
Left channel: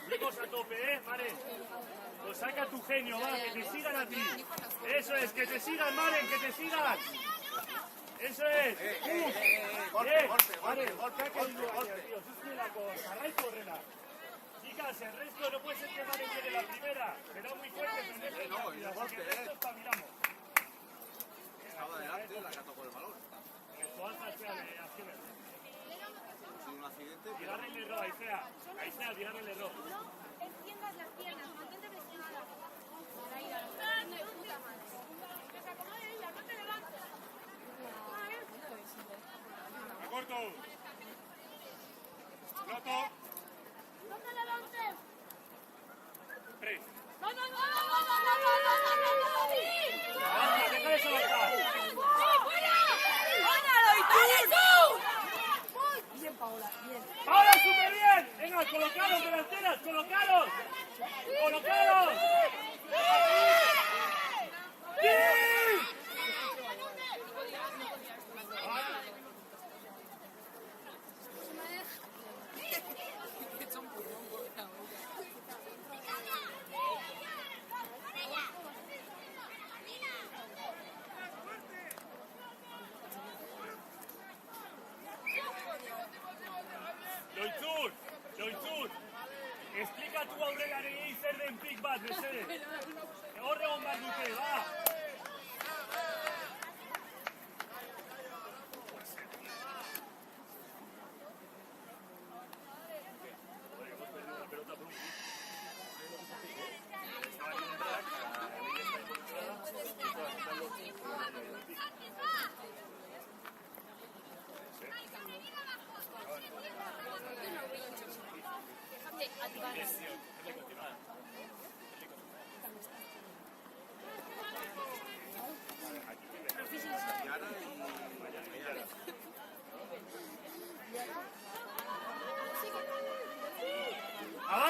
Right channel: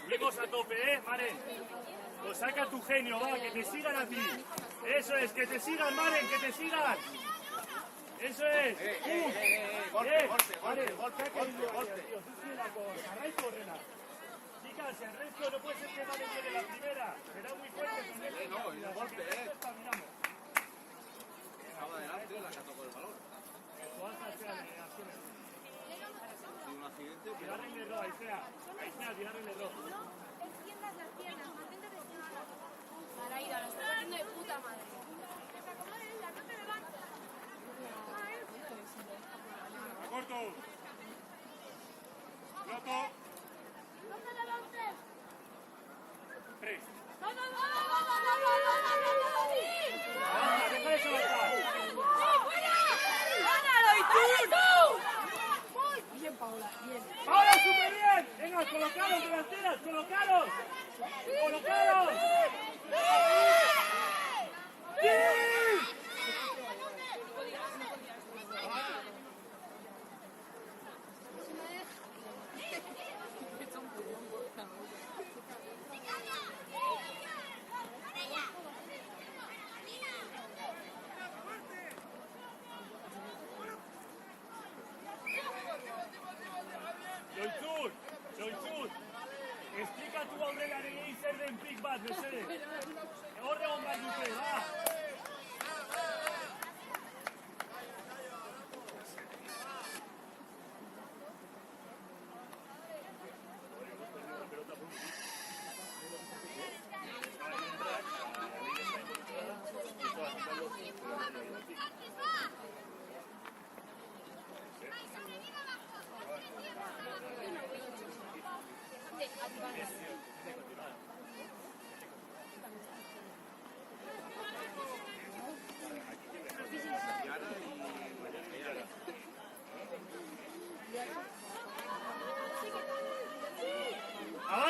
Subimos a tope, Maren. Pues saca tu genio, va, que te sigan a ti. Eso es, que te sigan, Maren, que te sigan. Eso es. Golpe, golpe, golpe, golpe, golpe, golpe. Chicas, el resto no puede ser que Maren llegue la primera. Será muy fuerte con esto. No, el golpe, Está mirando. Estaba adelante, la cató con el balón. Todas paseadas, Y un accidente, pero tirar el error, ahí sea, tirar el error. Para ir a la estación de puta madre. Corto. Loco. Tres. Vamos, que tres ¡ahora súper bien! ¡Venga, colocaros delanteras! ¡Colocaros! ¡Colocaros! ¡Bien! Loitzur, explica tu aurrera egin zer den pik bat, mesede. Horra hon bat dute, da.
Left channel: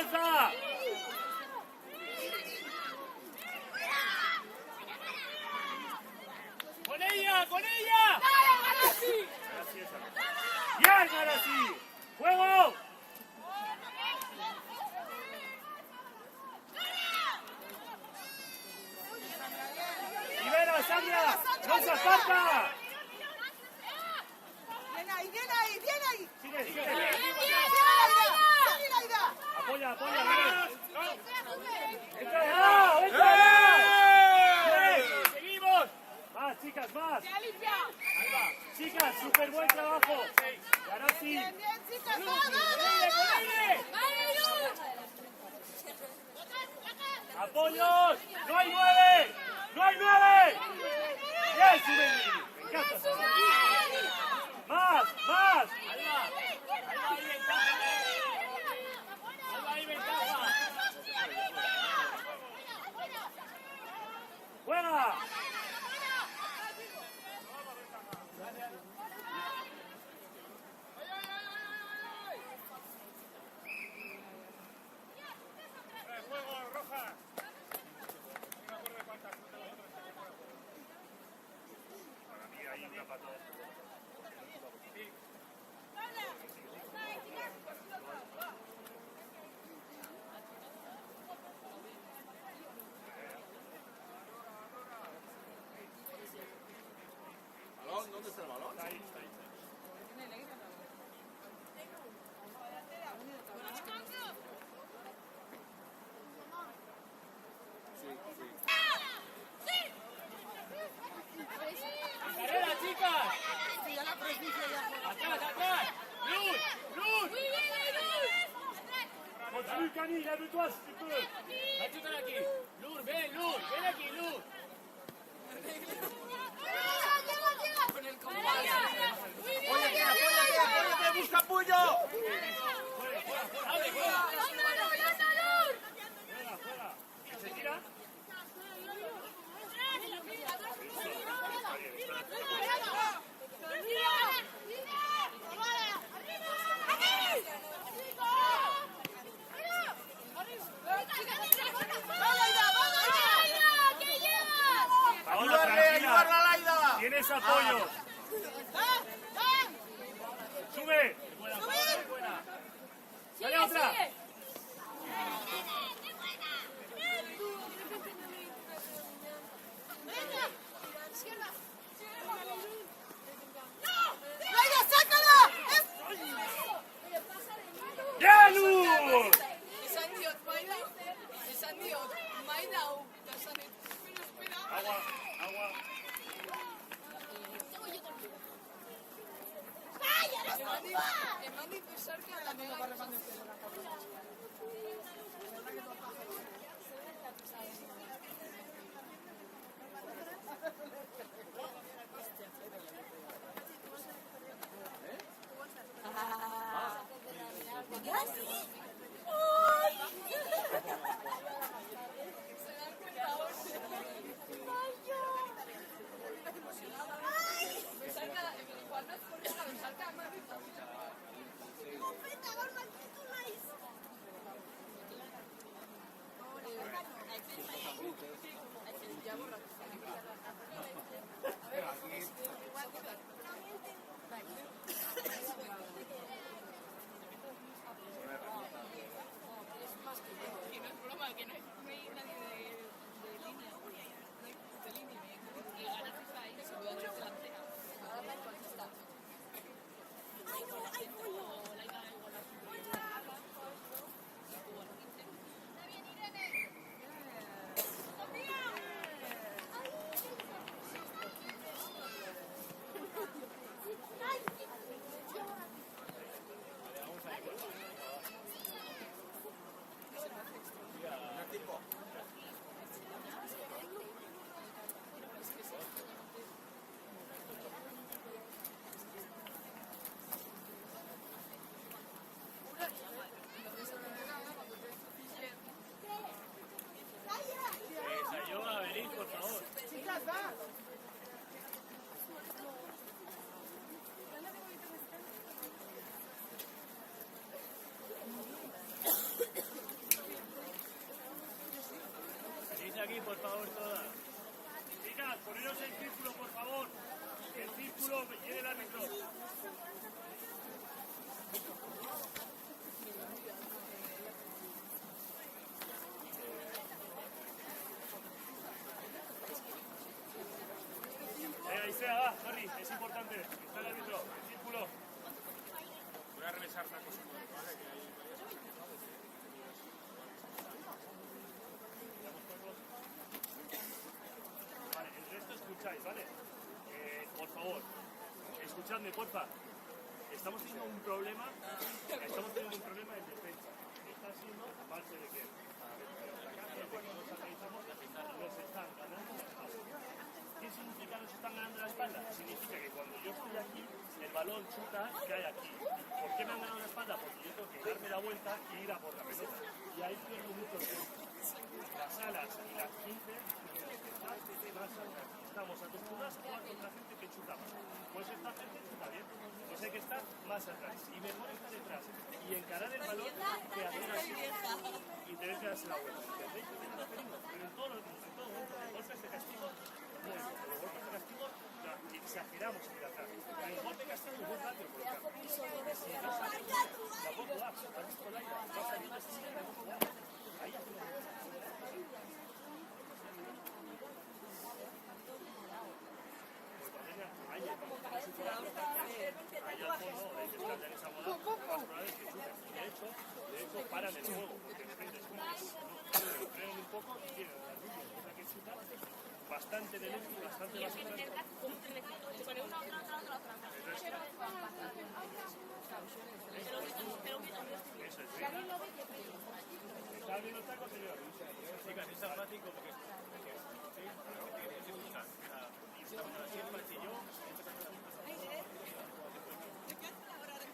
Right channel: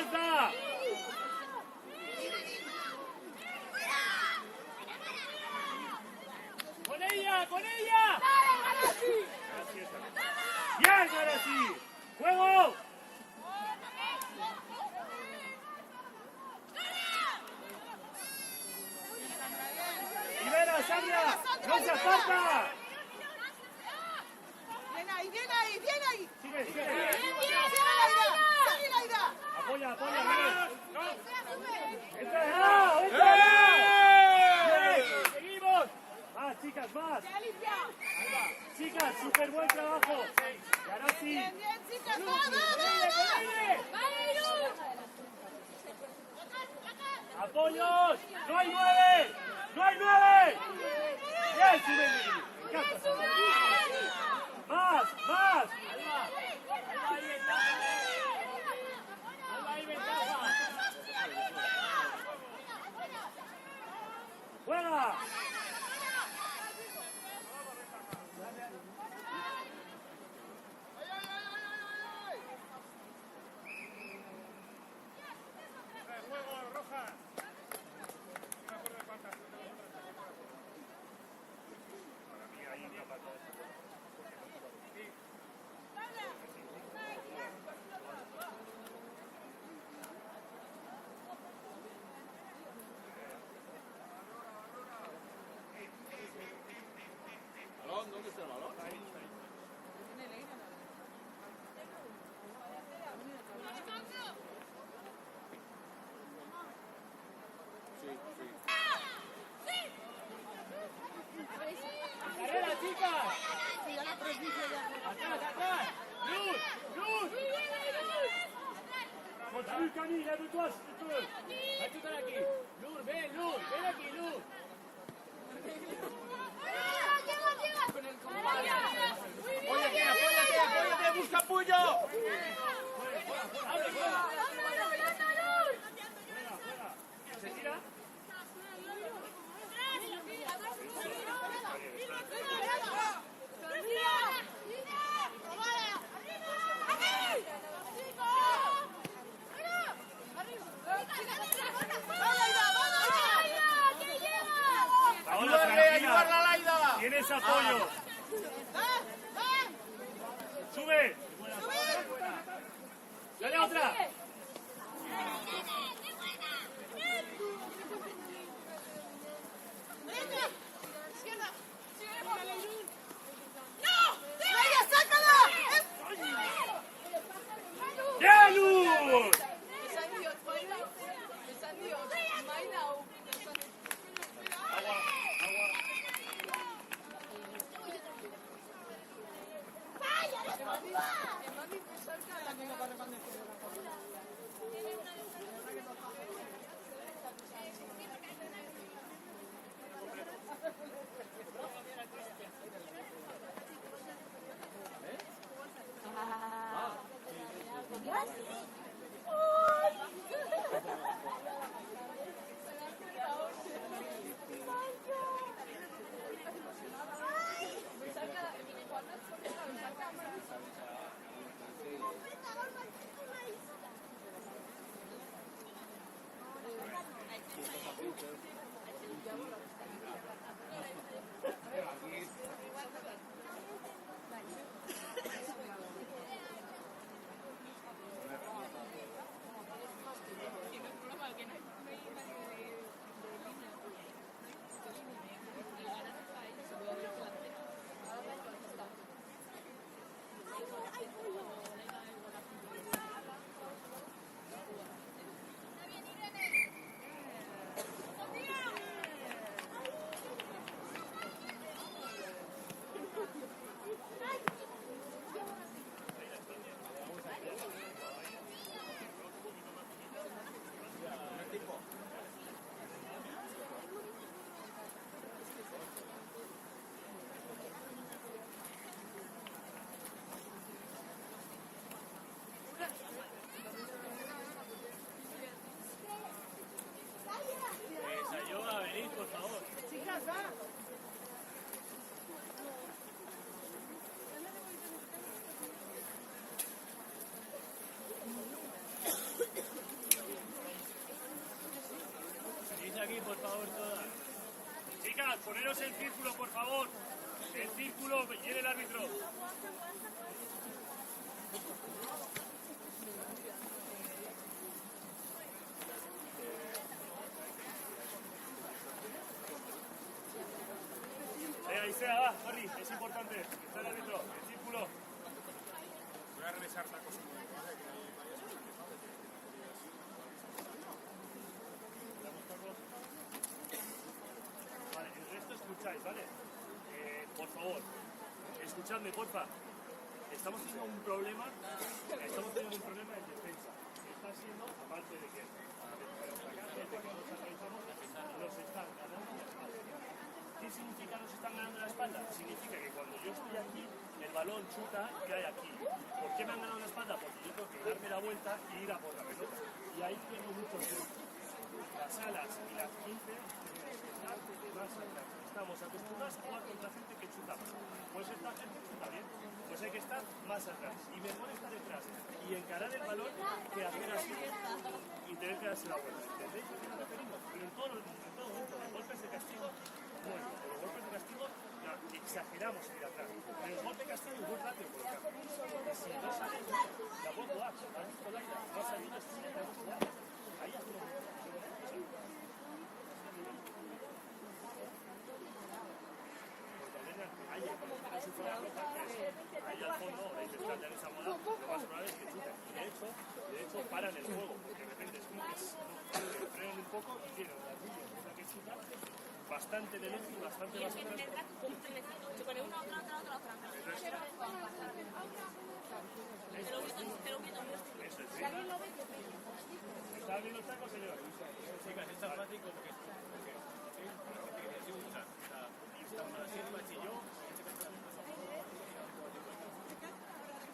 ¡Avanza! ¡Con ella! ¡Con ella! ¡Bien, ahora sí! ¡Juego! ¡Libera, Sandra! ¡No se aparta! Sigue, sigue. Apoya, apoya, vamos. ¡Entra! ¡Entra! ¡Bien! ¡Seguimos! Más, chicas, más. Chicas, súper buen trabajo. Ahora sí. ¡Apoyos! ¡No hay 9! ¡No hay 9! ¡Bien, Sibeli! ¡Me encanta! ¡Más! ¡Más! ¡Juega! ¿Balón? ¿Dónde está el balón? ¡Carrera, chicas! ¡Atrás, atrás! ¡Luz! ¡Luz! Continue, Camille, habille-toi si tu peux. ¡La chica de aquí! ¡Luz, ven, Luz! ¡Ven aquí, Luz! Apóyate, apóyate, apóyate, busca apoyo. Ahora, Ayúdale, tranquila. ayúdale, Laida. Tienes apoyo. Sube. Dale otra. ¡Ya, Luz! Agua, agua. Ayuda a venir, por favor. aquí, por favor, todas. Chicas, poneros el círculo, por favor. El círculo que lleve el árbitro. Venga, Isea, va, Torri, es importante. Está el árbitro, el círculo. Voy a revisar tacos un momento, ¿vale? Que hay varias cosas que no, ¿Damos tacos? Vale, el resto escucháis, ¿vale? Por favor, escuchadme, porfa. Estamos teniendo un problema en defensa. Está siendo, aparte de que de que nos organizamos, nos están ganando la espalda. ¿Qué significa nos están ganando la espalda? Significa que cuando yo estoy aquí, el balón chuta cae aquí. ¿Por qué me han ganado la espalda? Porque yo tengo que darme la vuelta y ir a por la pelota. Y ahí pierdo mucho tiempo. Las alas y las 15 tienen que estar más atrás. Estamos acostumbrados a jugar contra gente que chuta mal. Pues esta gente chuta bien. Pues hay que estar más atrás. Y mejor estar detrás y encarar el balón que hacer así y tener que darse la vuelta. ¿Entendéis a qué nos referimos? Pero en todo momento, los golpes de castigo, bueno, los golpes de castigo exageramos en ir atrás. Pero el golpe de castigo es muy rápido colocar. Porque si no sale, la puedo jugar. ¿Has visto Laida? No ha salido, es que la hemos jugado. Ahí hacemos mucho. Pues también hay en su zona roja, que es ahí al fondo, ahora hay que estar ya en esa moda, lo más probable es que chuten. Y de hecho paran el juego, porque de repente es como que frenan un poco y tienen la rubia, que es la que chuta, bastante de lejos y bastante más atrás. Se pone una, otra. Eso es. ¿Está bien los tacos, señor? Chicas, es tan fácil como que...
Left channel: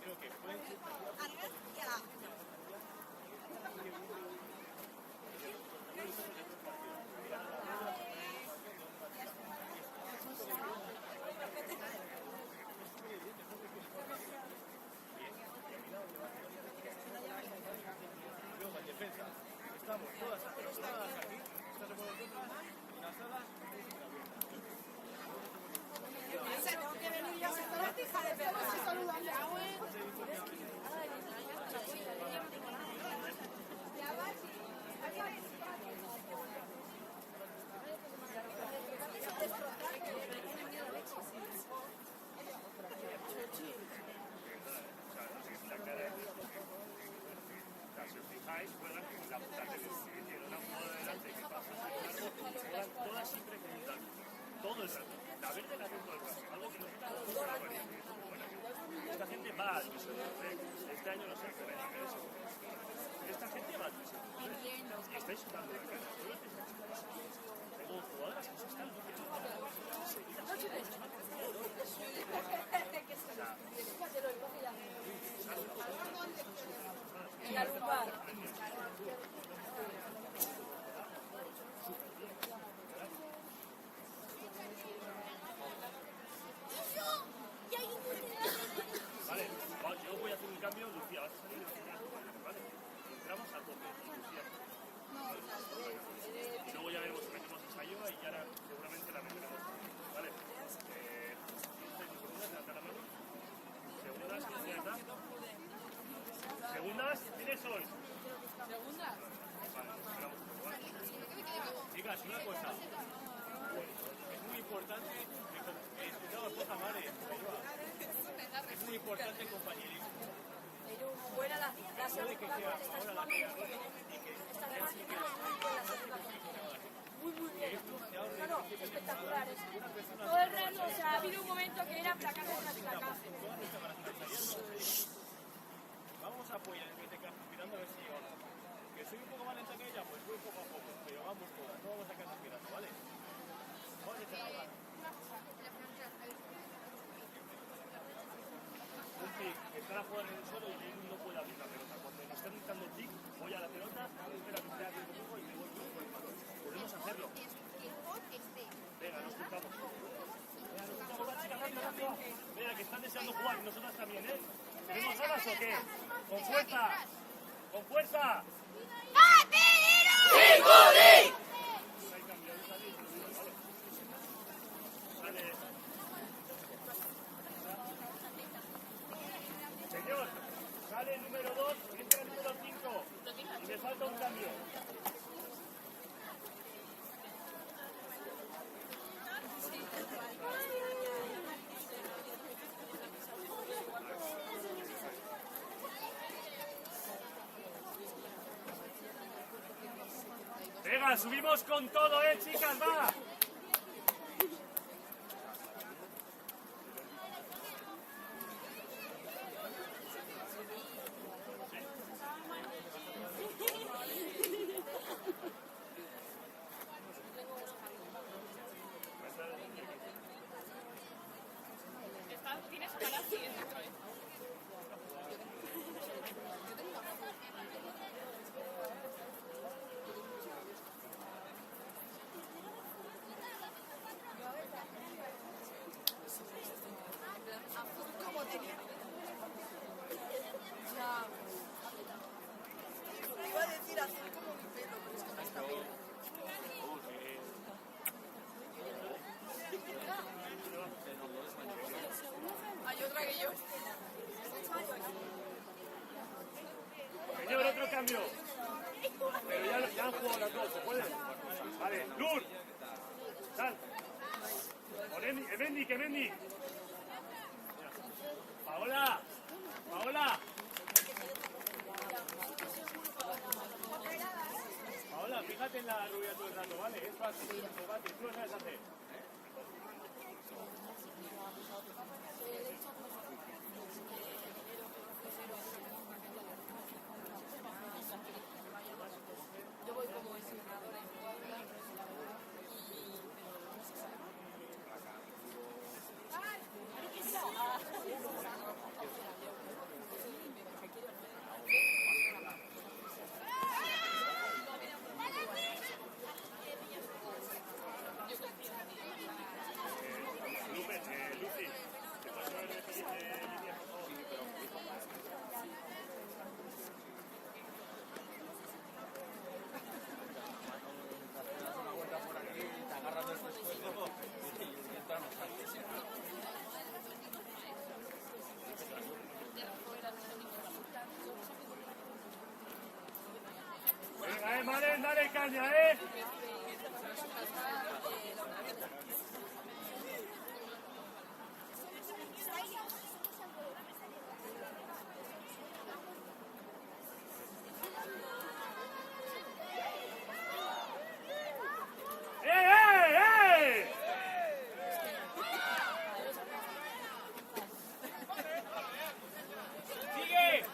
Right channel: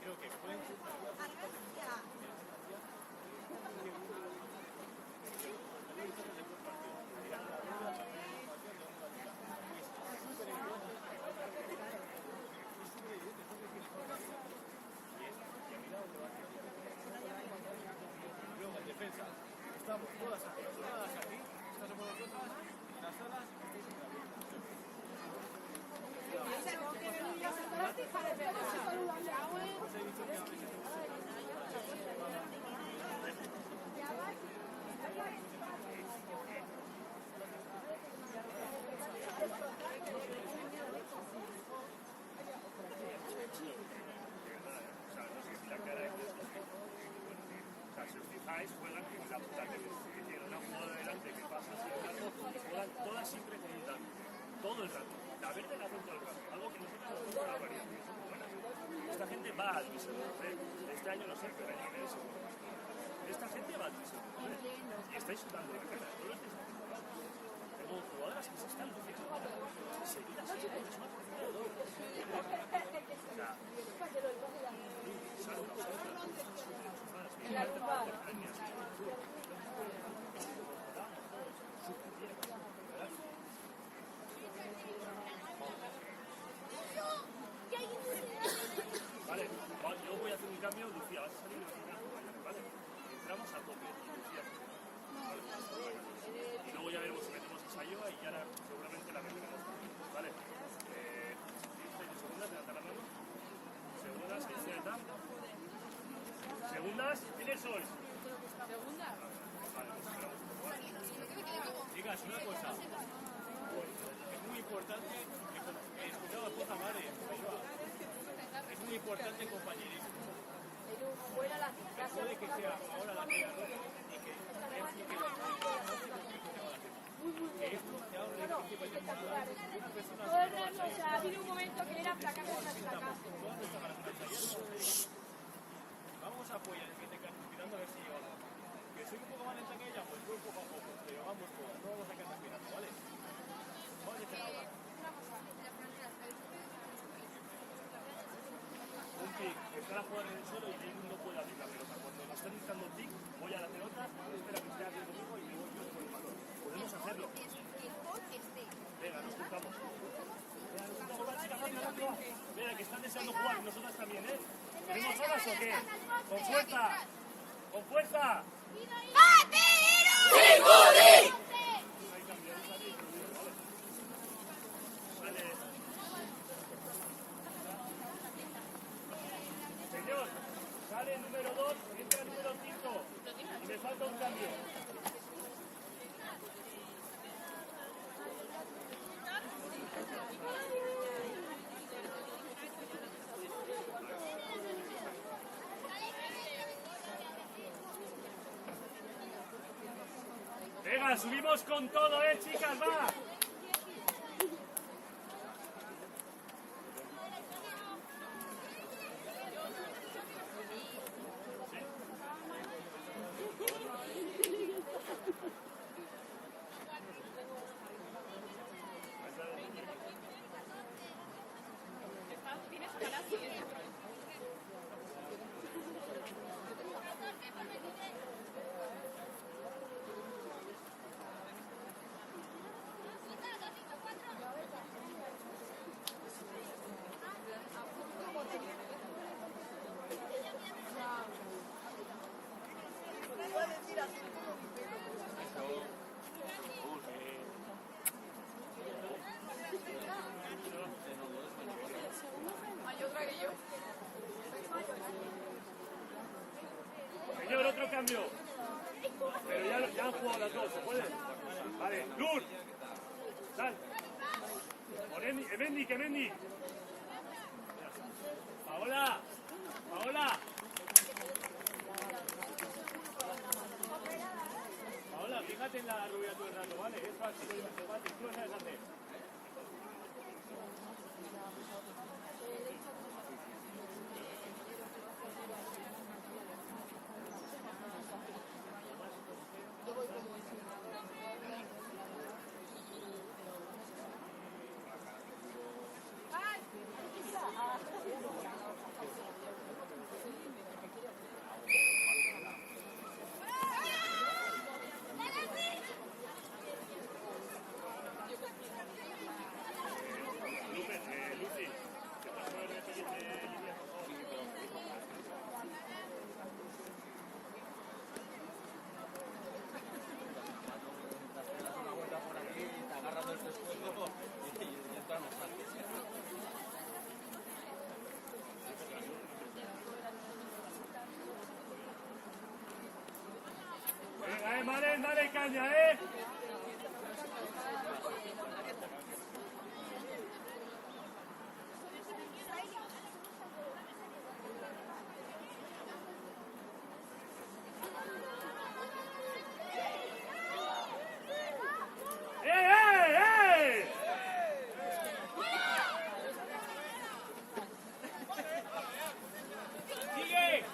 Creo que pueden luego en defensa estamos todas cerradas aquí, estas somos nosotras, las alas si os fijáis, juegan con la puta tele, que tiene una jugada delante que pasa así de largo, juegan todas siempre con un tanque, todo el rato. La verde la hacen todo el rato, algo que nosotros nos cuesta la variedad. Esta gente va a División de Honor, este año no sé, pero hay niveles seguros. Esta gente va a División de Honor y estáis sudando la cara, no lo estáis haciendo mal. Tengo jugadoras que se están luciendo ahora, seguidas, es una oportunidad de oro. O sea, Sandra, vale, yo voy a hacer un cambio, Lucía, vas a salir y vas a tener a acompañar, ¿vale? Entramos a tope, Lucía. Y luego ya veremos si metemos a Sayoa y ahora seguramente la meteremos, ¿vale? Segundas, levanta la mano. Segundas, izquierda. ¿Segundas? ¿Quiénes sois? Vale, esperamos un poco. Chicas, una cosa. Es muy importante. Escuchamos poca madre. Es muy importante el compañerismo. Puede que sea ahora la que esto se ha ordenado una persona. Ha habido un momento que era fracaso. Vamos a apoyar en este caso, mirando a ver si llegamos. Que soy un poco más lenta que ella, pues voy poco a poco, pero vamos todas, no vamos a quedar mirando, ¿vale? Vamos a que te la hagan. Un pick, estar a jugar en el suelo y él no puede abrir la pelota. Cuando me están dictando pick, voy a la pelota, espera que esté aquí conmigo y me voy yo con el balón. Podemos hacerlo. Venga, nos juntamos. Venga, nos juntamos, va, chicas, rápido. Venga, que están deseando jugar y nosotras también, ¿eh? ¿Tenemos ganas o qué? ¡Con fuerza! ¡Con fuerza! ¡Patero! ¡Sí, falta un cambio. Venga, subimos con todo, chicas, va. Señor, otro cambio. Pero ya han jugado las dos, ¿se puede? Vale, Luz. Sal. Emendi, que Emendi. Paola, Paola. Paola, fíjate en la rubia todo el rato, ¿vale? Es fácil, tú no sabes hacer. Dale caña, ¡Sigue!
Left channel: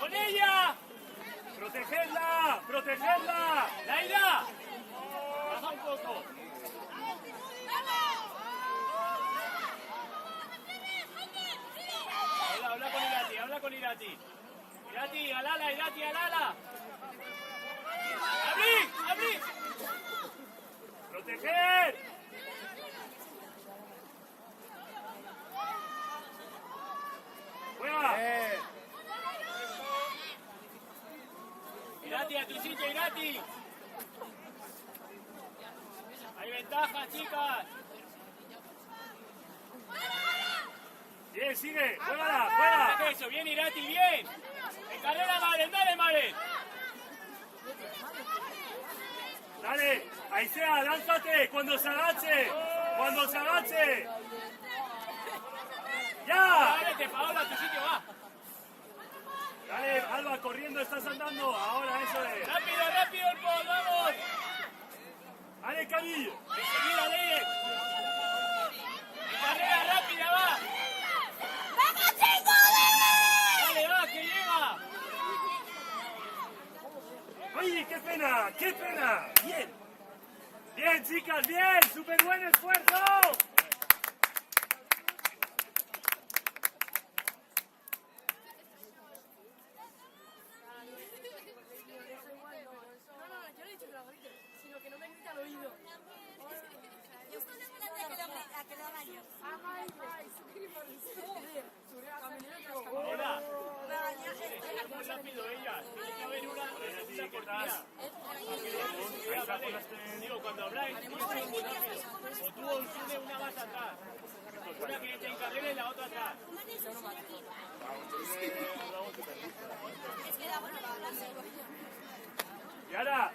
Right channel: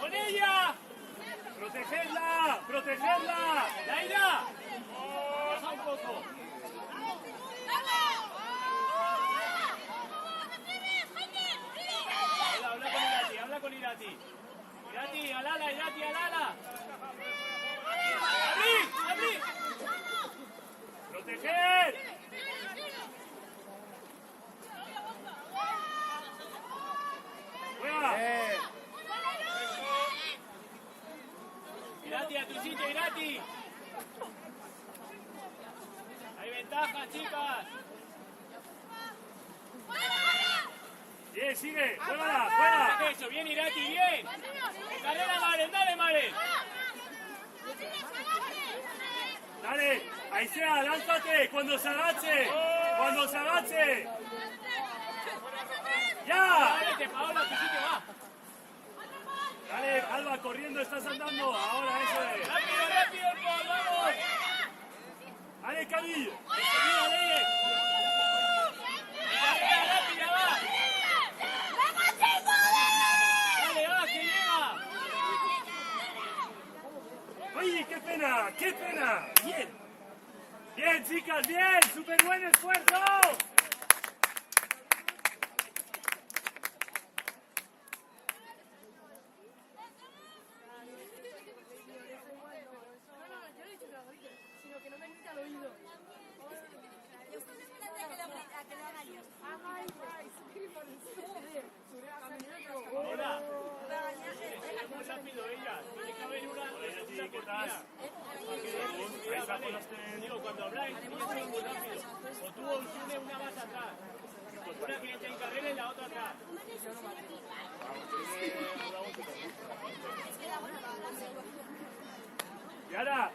¡Con ella! ¡Protegerla! ¡Protegerla! ¡Laida! ¡Baja un poco! Habla con Irati. Irati, al ala, Irati, al ala. ¡Abrid! ¡Abrid! ¡Proteger! Irati, a tu sitio, Irati. Hay ventaja, chicas. Bien, sigue, juega, juega. Eso, bien, Irati, bien. Carrera, Maren, dale, Maren. Dale, ahí sea, lánzate, cuando se agache, cuando se agache. ¡Ya! Váyate, Paola, a tu sitio, va. Dale, Alba, corriendo, estás andando, ahora eso es. Rápido, rápido, Paul, vamos. Dale, Cari. Enseguida, Lele. Carrera rápida, va. Dale, va, que llega. ¡Uy, qué pena, qué pena! Bien, bien, chicas, bien, súper buen esfuerzo. Hola. Muy rápido ella. Tiene que haber una. Ahí estás. Ahí está, por las tres. Digo, cuando habláis, no es muy rápido. O tú o tú una más atrás. Una que te encarrere y la otra atrás. Yara.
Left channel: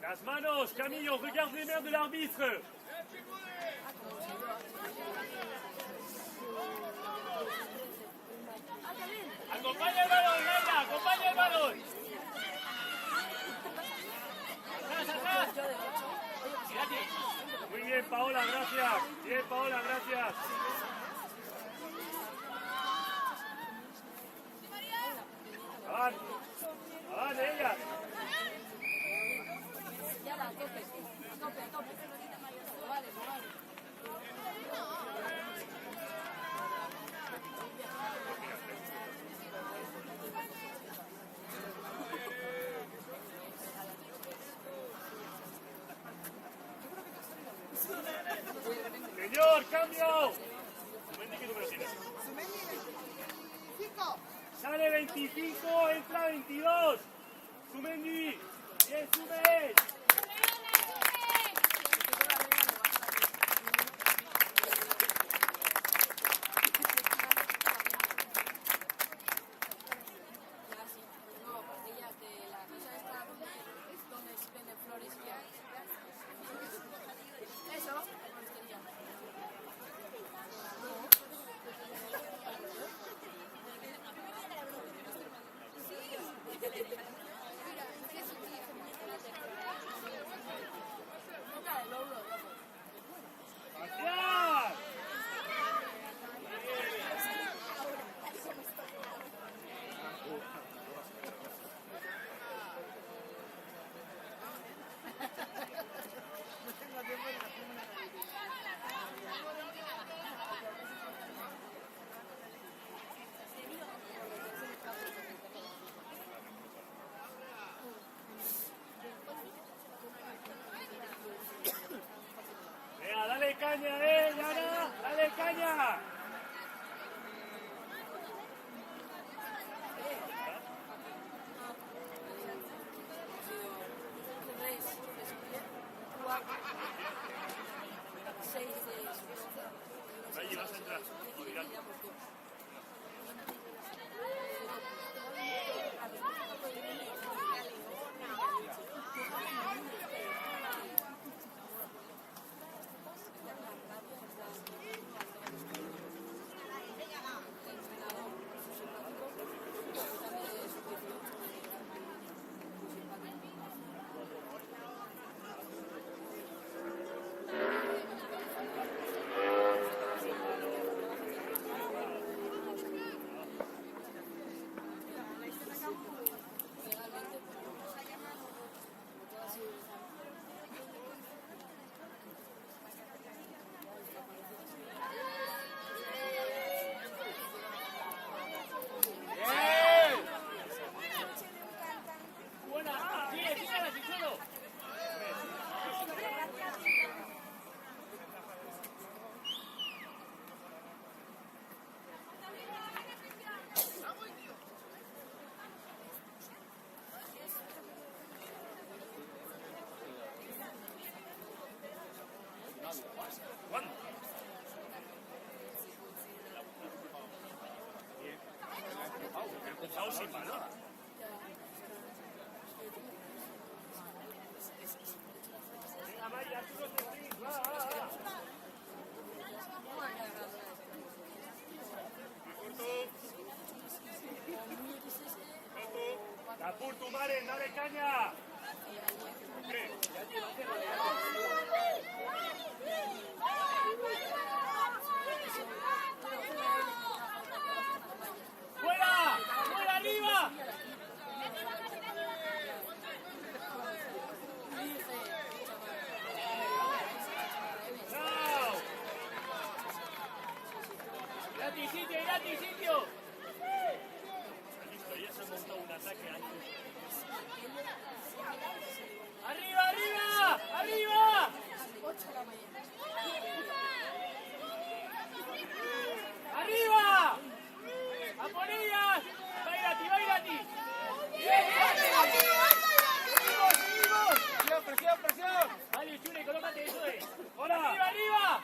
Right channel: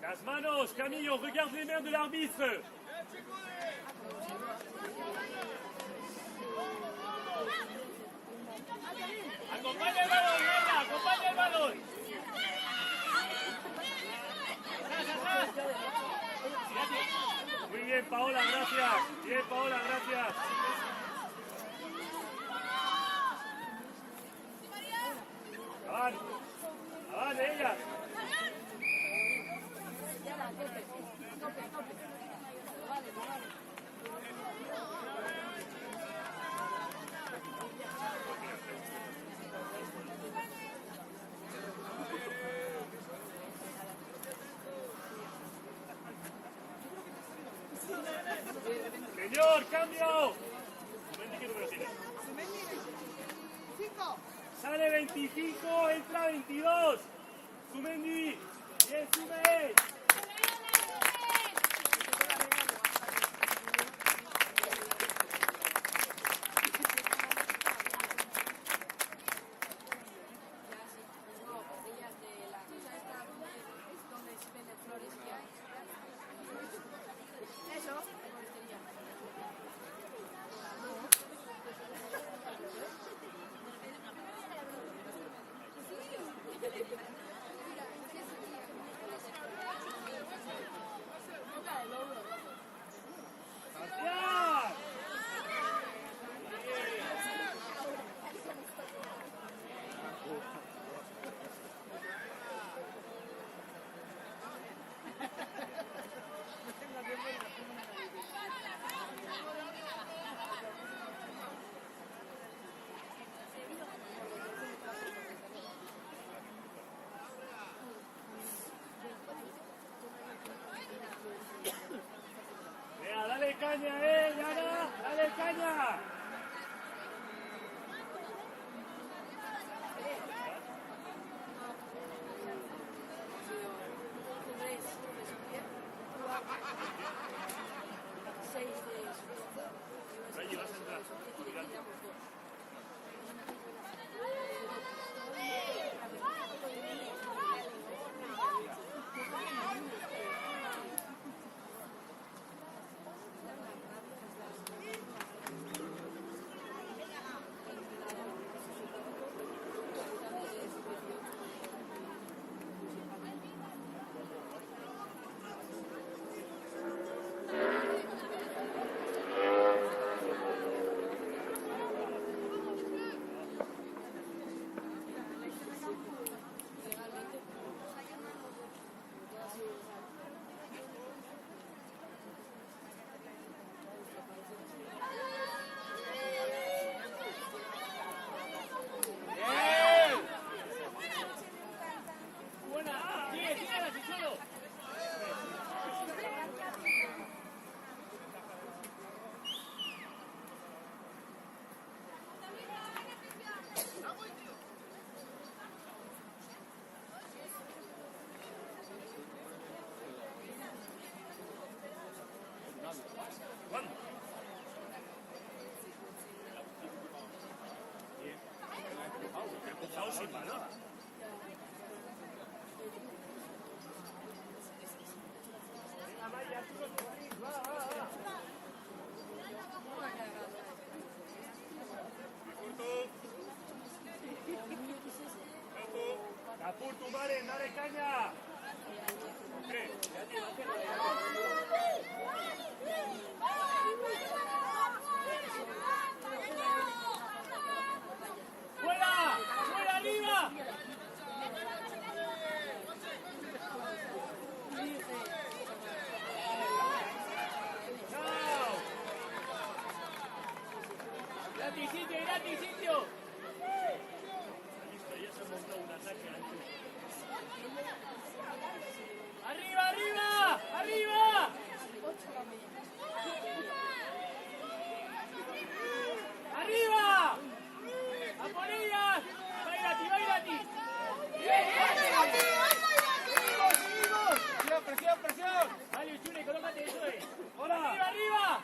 Las manos, Camillo, regarde les mains de l'arbitre. Acompaña el balón, Marta, acompaña el balón. Muy bien, Paola, gracias. Bien, Paola, gracias. Avan, avan, ella. Señor, cambio. Sale 25, entra 22. Sumendi, sube. Dale caña, Yara, dale caña. Capurtu, Maren, dale caña. ¡Fuera! ¡Fuera arriba! ¡Date sitio, date sitio! ¡Arriba, arriba! ¡Arriba! ¡Arriba! ¡A por ellas! ¡Bailati, bailati! ¡Seguimos! ¡Presión, presión! Vale, Chile, colócate, eso es. ¡Arriba, arriba!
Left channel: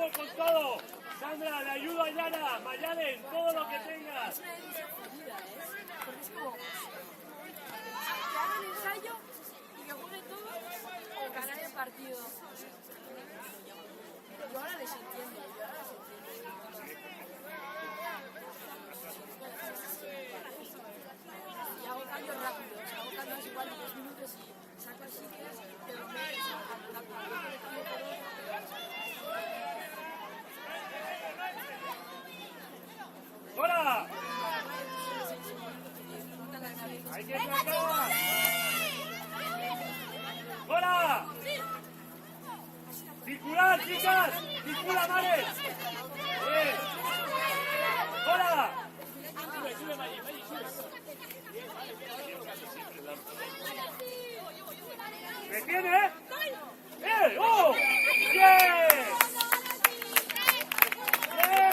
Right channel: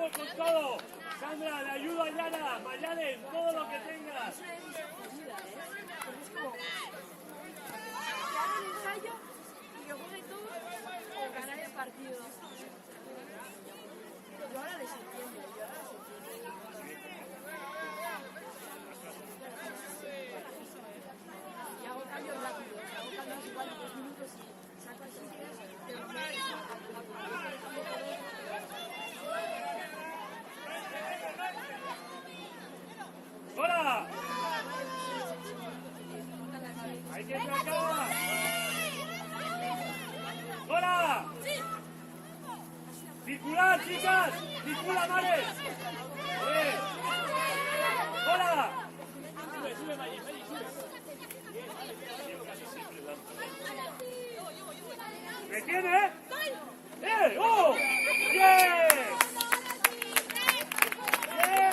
Sube con todo. Sandra, la ayuda a Yana. Mayalen, todo lo que tengas. Y que juegue tú o ganar el partido. Yo ahora les entiendo. Y hago cambios rápidos. Hago cambios igual de 2 minutos y saco sitios ¡Hola! ¡Hay que tratar! ¡Hola! ¡Circular, chicas! ¡Circula, vale! ¡Hola! ¿Me tiene? ¡Oh! ¡Bien! ¡Bien!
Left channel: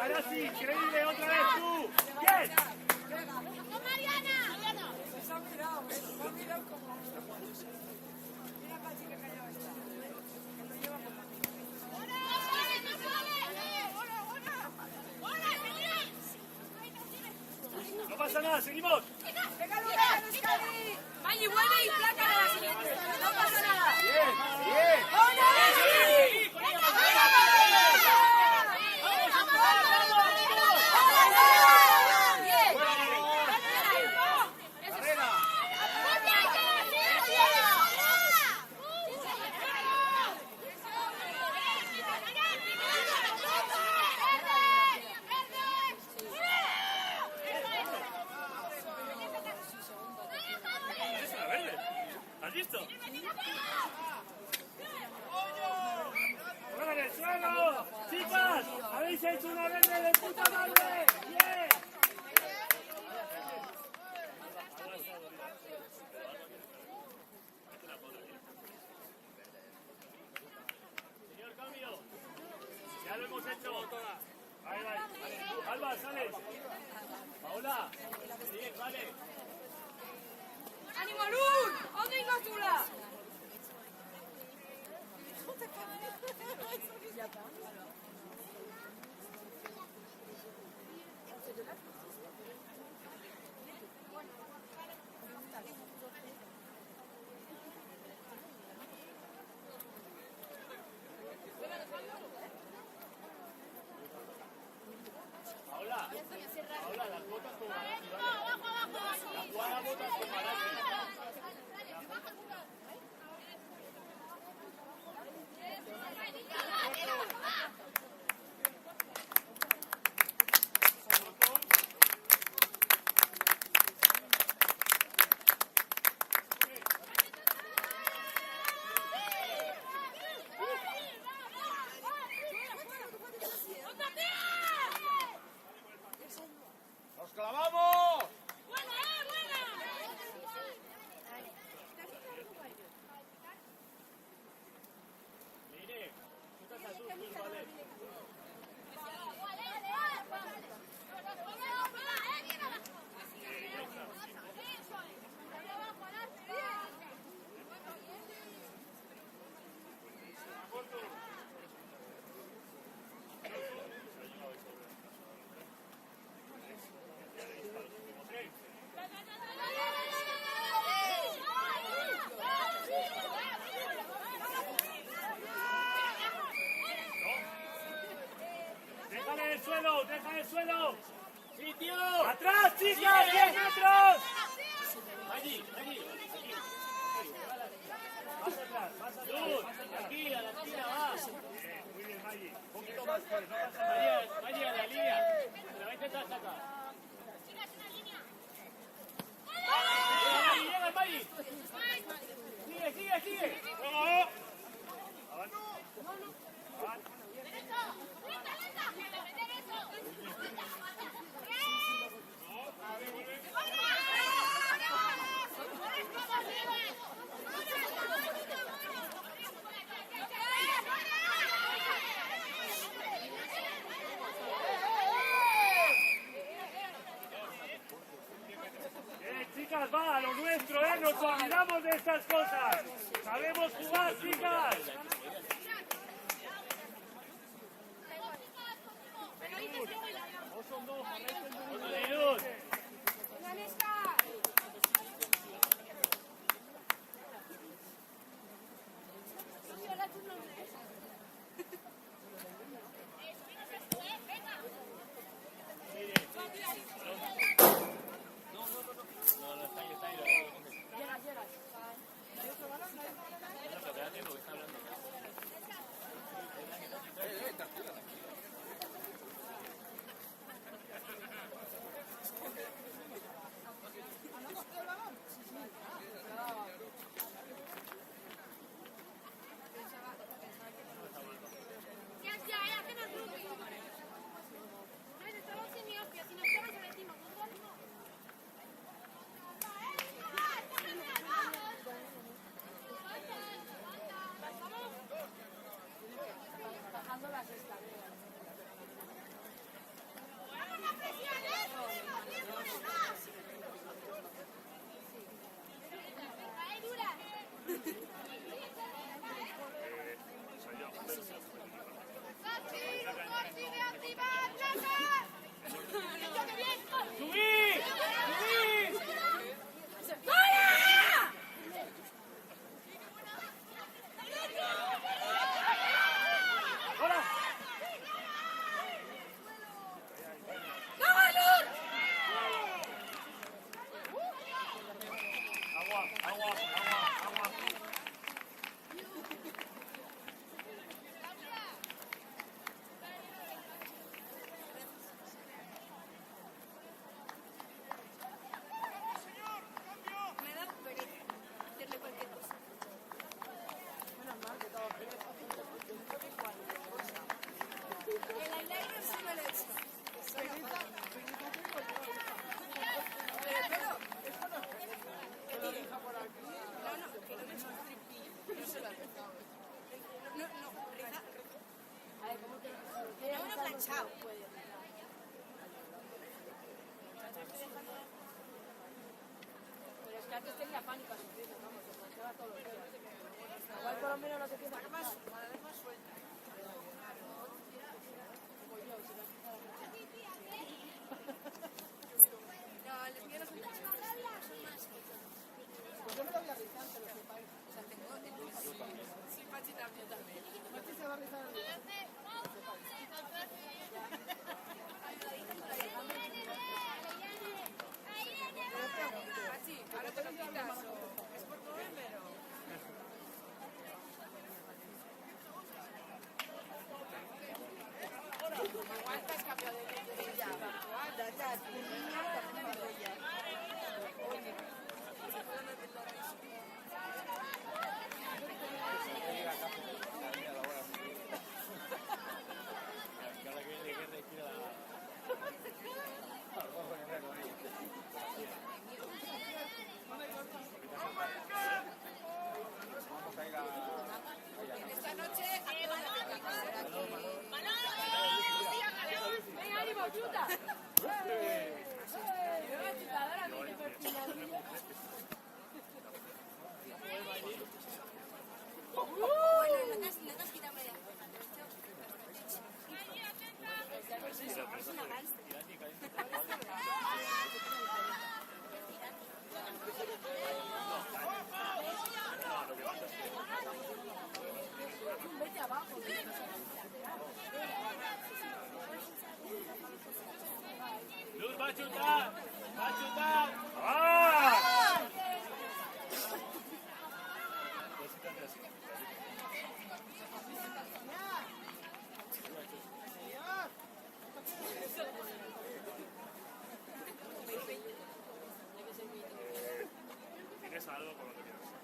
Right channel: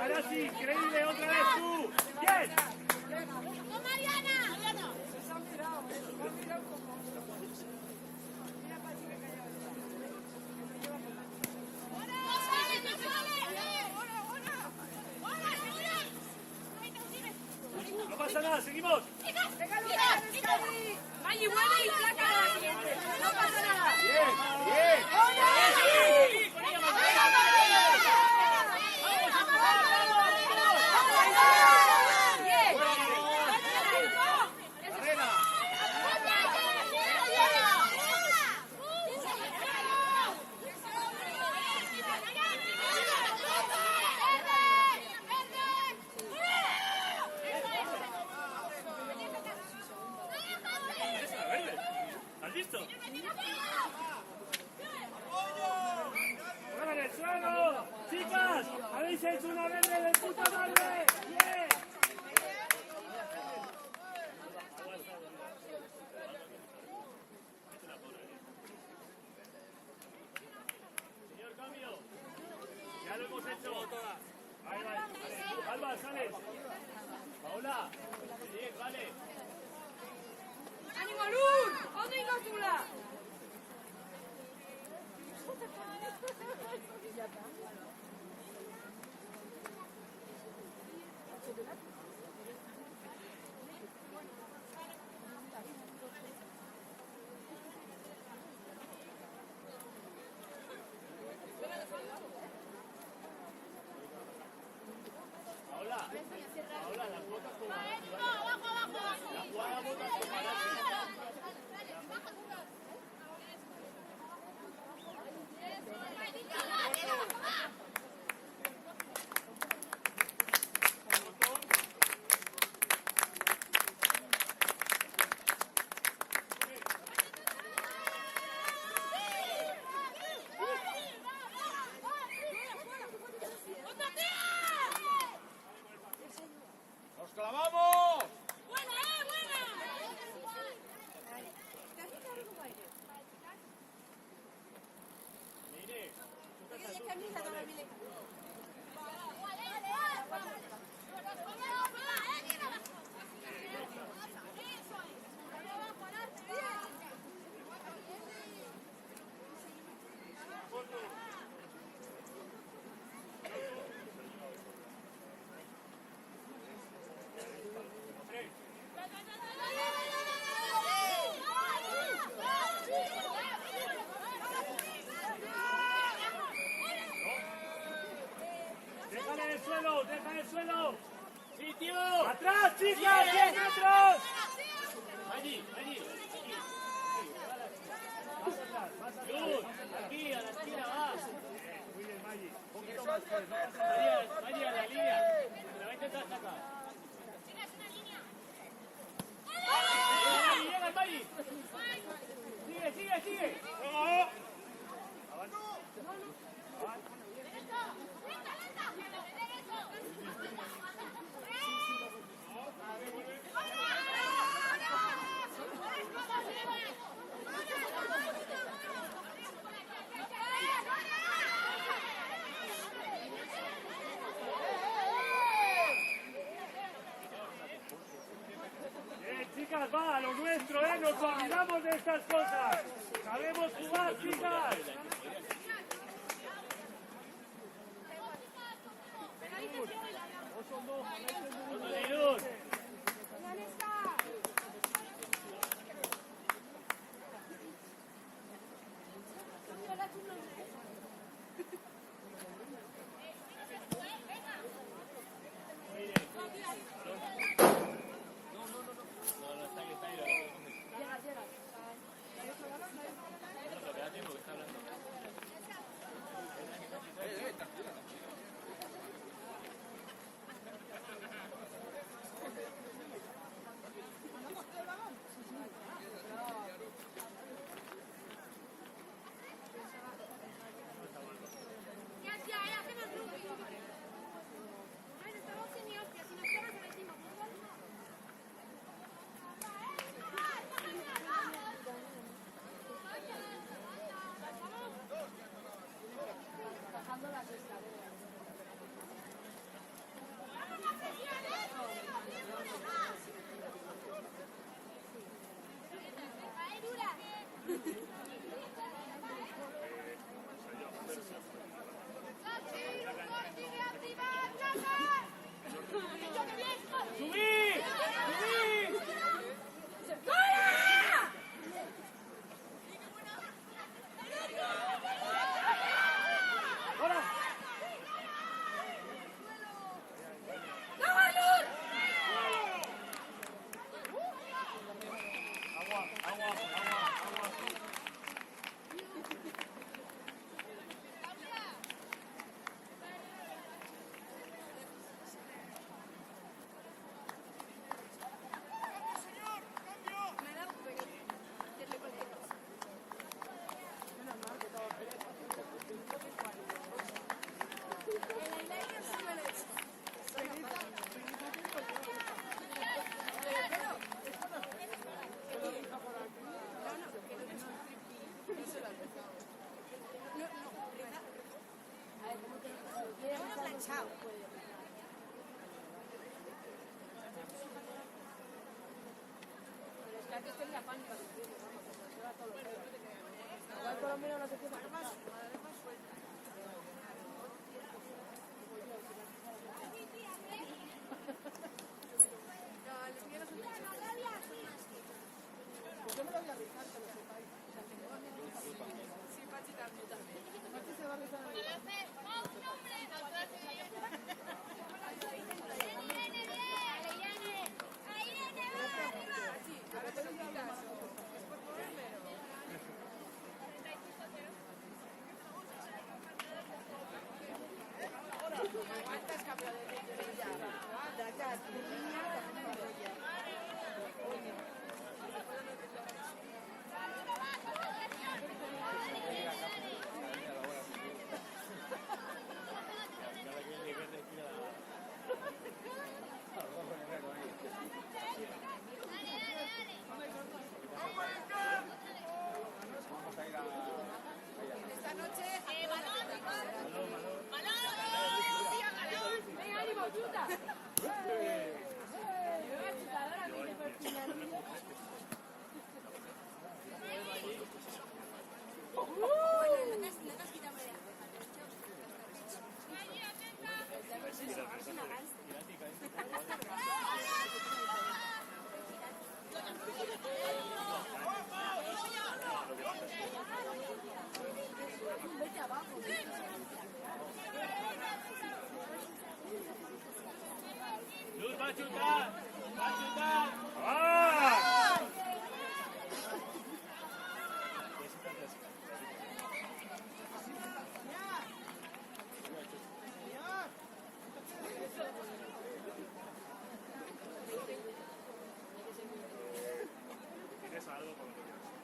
Ahora sí, increíble, otra vez tú. ¡Bien! ¡No, Mariana! ¡Mariana! ¡No sale, no sale! No pasa nada, seguimos. ¿Has visto? ¡Vale, suelo! ¡Chicas! ¡Habéis hecho una verde de puta madre! ¡Bien! Señor cambio. Ya lo hemos hecho. Alba, sales. Paola. Bien, vale. ¡Ánimo, Luz! ¡Otra inocula! ¡Nos clavamos! ¡Buena, buena! ¡Deja el suelo! ¡Sitio! ¡Atrás, chicas! ¡A 10 metros! Allí, allí. Luz, aquí, a la fila, va. Muy bien, Maggi. Allí, a la línea. Se va a intentar escapar. Llega, Maggi. Sigue, sigue, sigue. ¡Oh! Chicas, va, a lo nuestro, nos olvidamos de estas cosas. Sabemos jugar, chicas. Luz va a chutar, va a chutar. ¡Ah! Tienes algo, pero no tienes.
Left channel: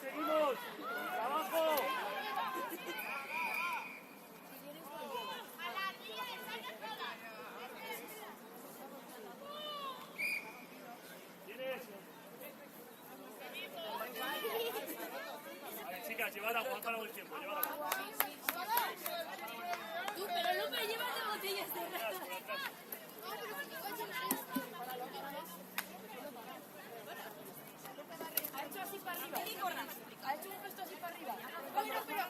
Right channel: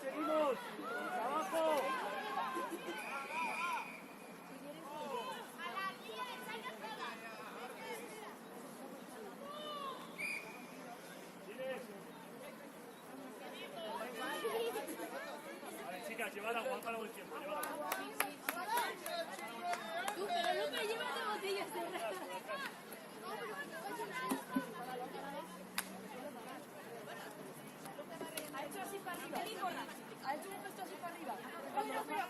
¡Seguimos! ¡Abajo! ¿Tienes? Chicas, llevad agua, para el tiempo, llevad agua. Pero no me lleva las botellas de Ha hecho así para arriba. Ha hecho esto así para arriba.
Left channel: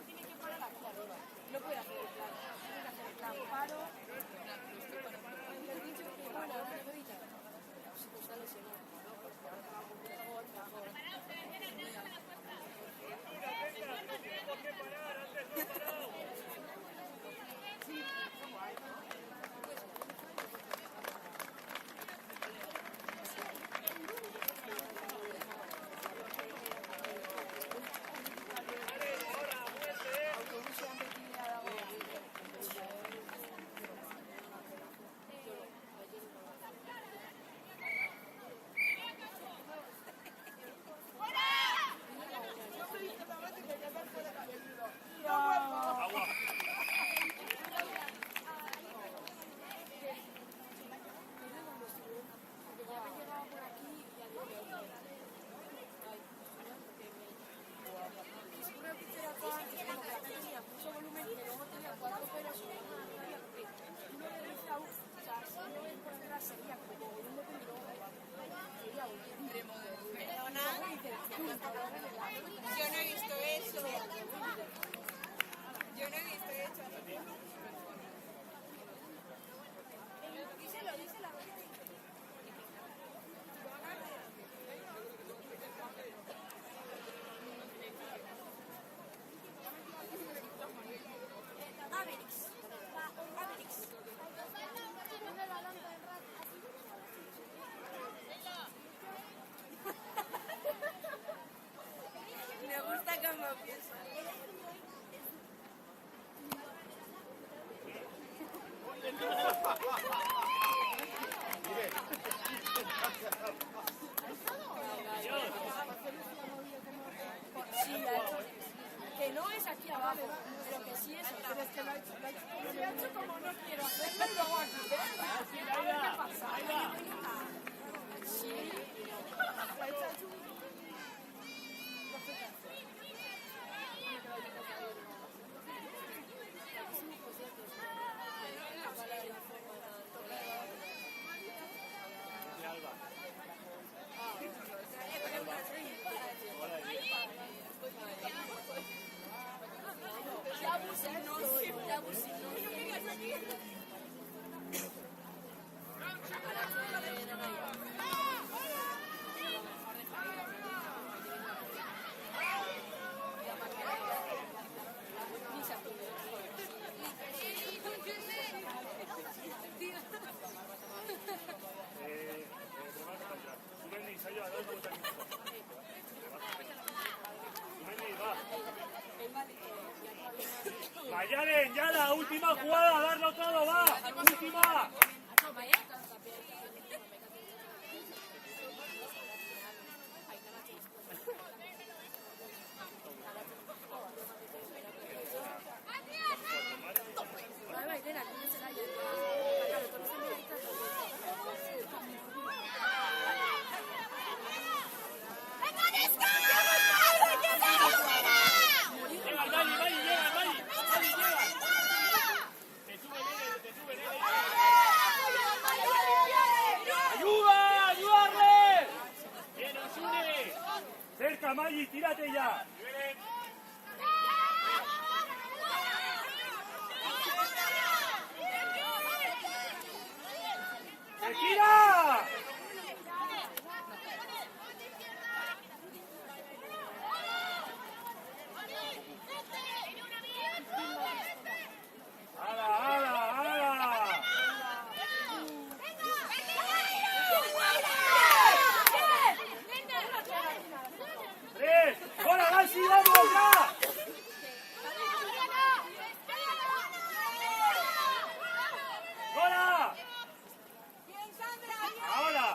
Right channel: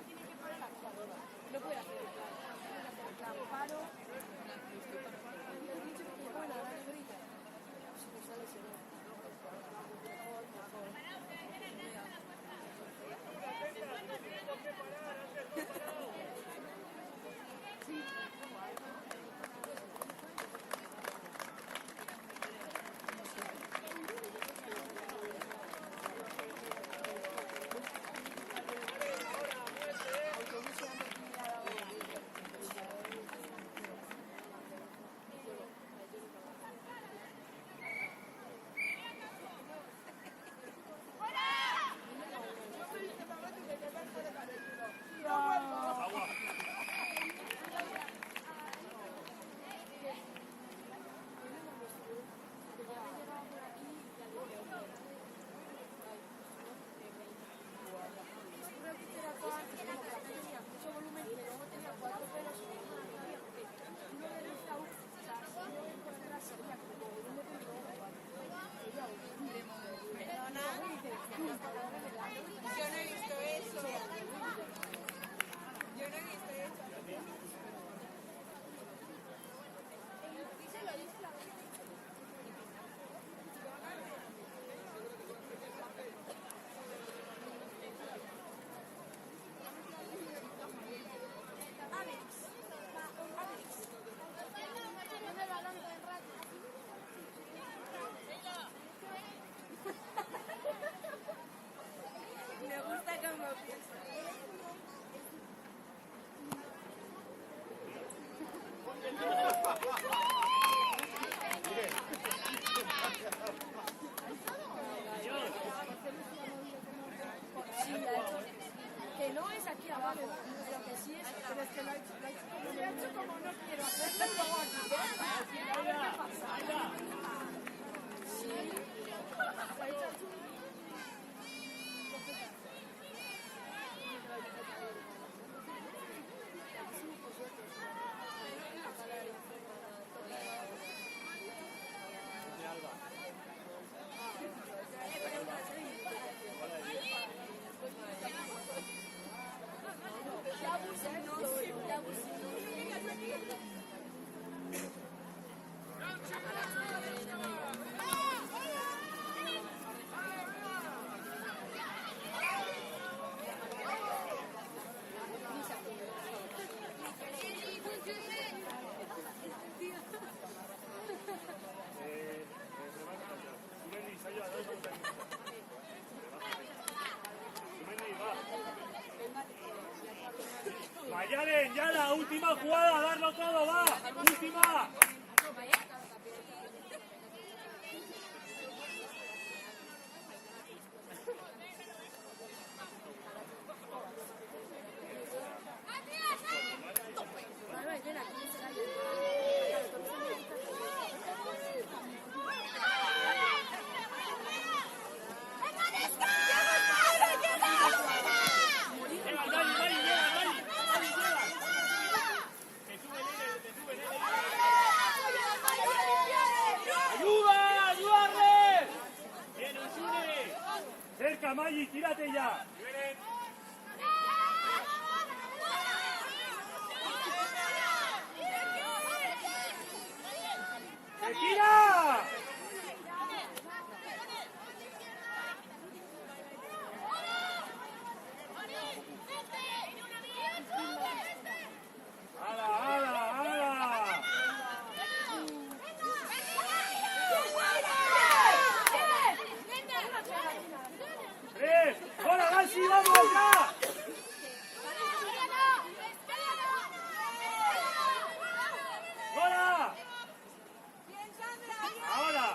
Tiene que ponerla. No puede hacer. es aquí abajo. Lo que sí es, pero es que lo he hecho como no quiero hacerlo, lo hago aquí. Sí. Lo he hecho así. Mayalen, ya la última jugada, darlo todo, va. Última. Cerca, Maggi, tírate ya. ¡Se tira! ¡Hola, Gassi, vamos ya! ¡Hola! ¡Ahora!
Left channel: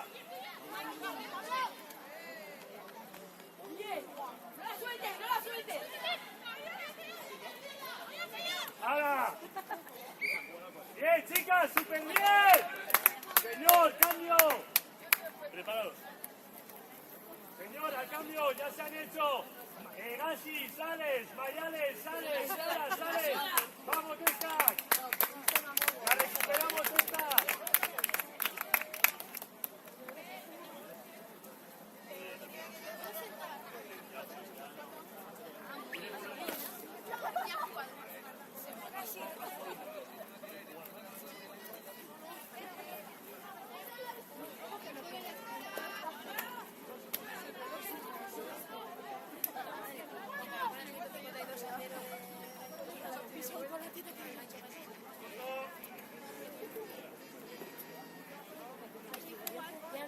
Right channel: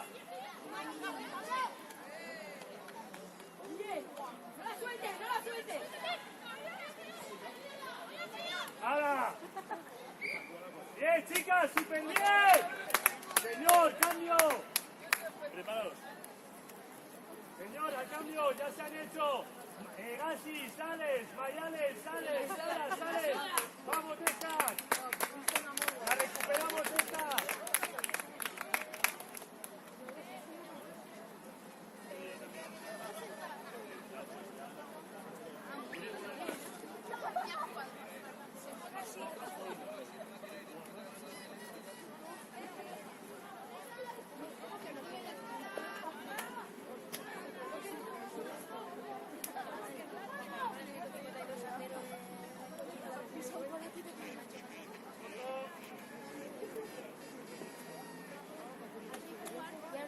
¡Ahora! ¡Bien, chicas! ¡Súper bien! ¡Señor, cambio! Preparados. Señor, al cambio, ya se han hecho. Gassi, sales, Mayales, sales, Sara, sales. Vamos, esta. La recuperamos esta.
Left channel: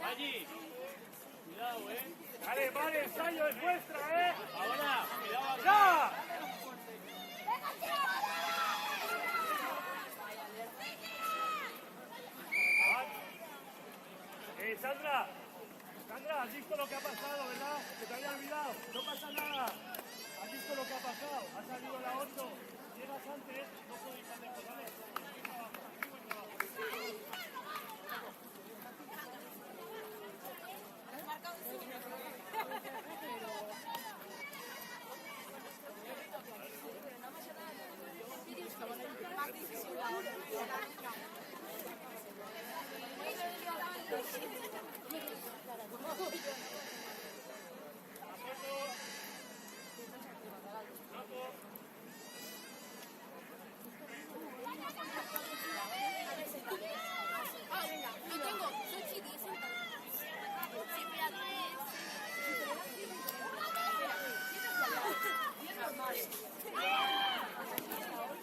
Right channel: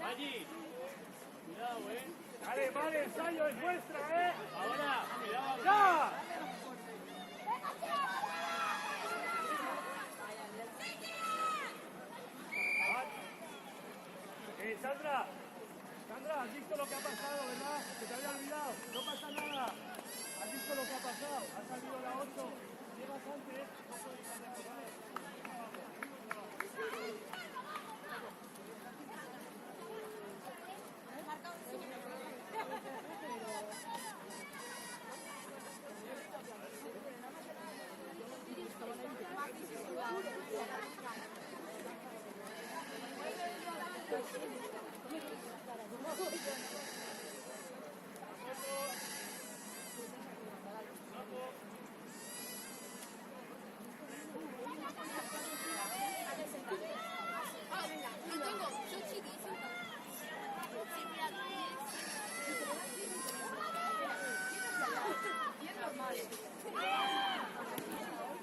Allí. Cuidado, Vale, vale, ensayo es nuestra, Ahora, cuidado. ¡Ya! Sandra, has visto lo que ha pasado, ¿verdad? Que te había olvidado. ¿Qué pasa, Sandra? ¿Has visto lo que ha pasado? Ha salido la 8. Llegas antes.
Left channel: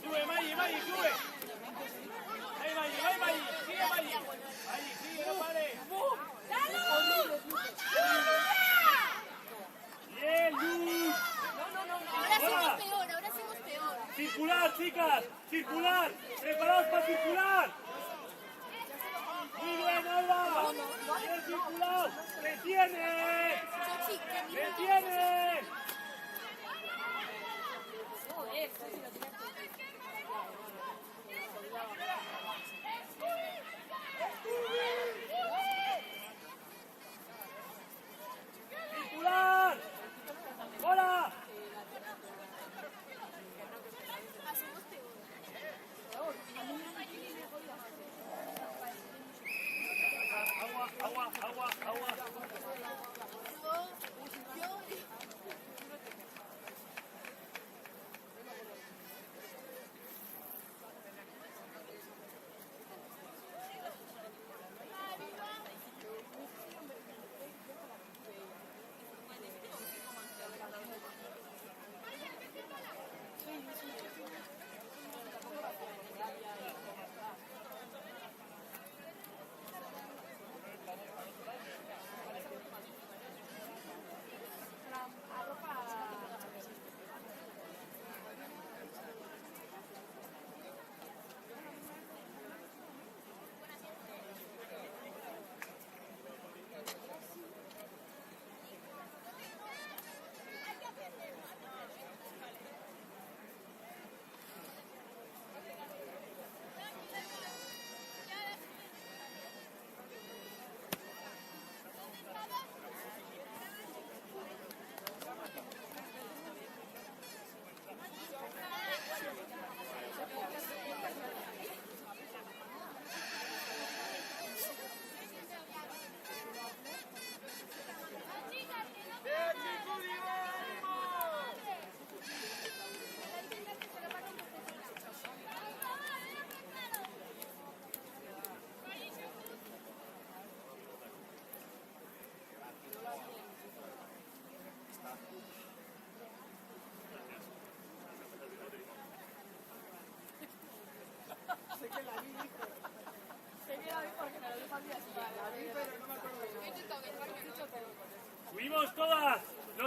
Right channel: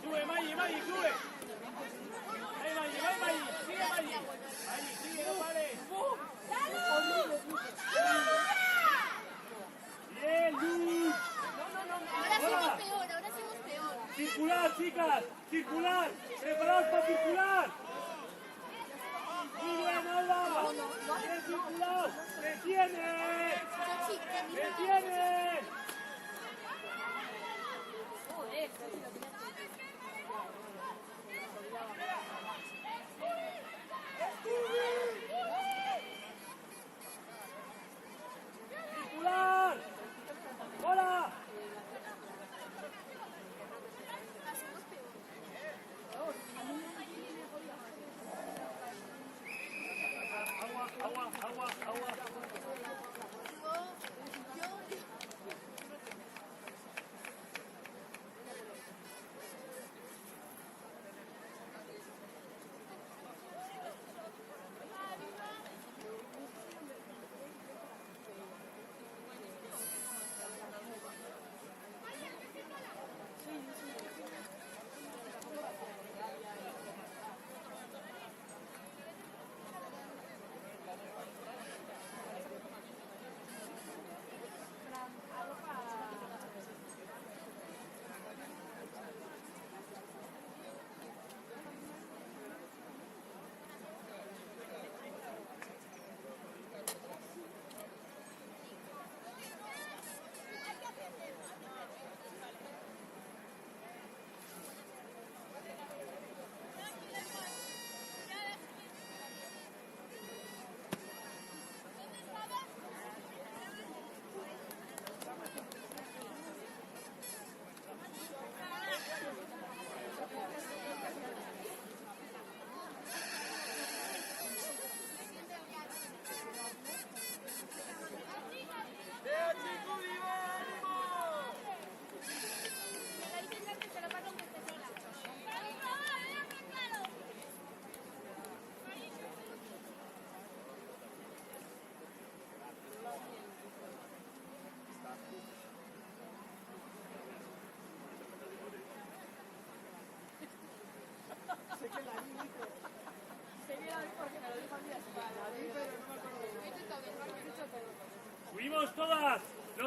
Sube, Maggi, sube. Ahí, Maggi. Sigue, Maggi. Maggi, sigue, no pares. ¡Bien, Luis! ¡Circular, chicas! ¡Circular! ¡Preparados para circular! ¡Muy bien, Alba! ¡Bien circular! ¡Detiene! ¡Detiene!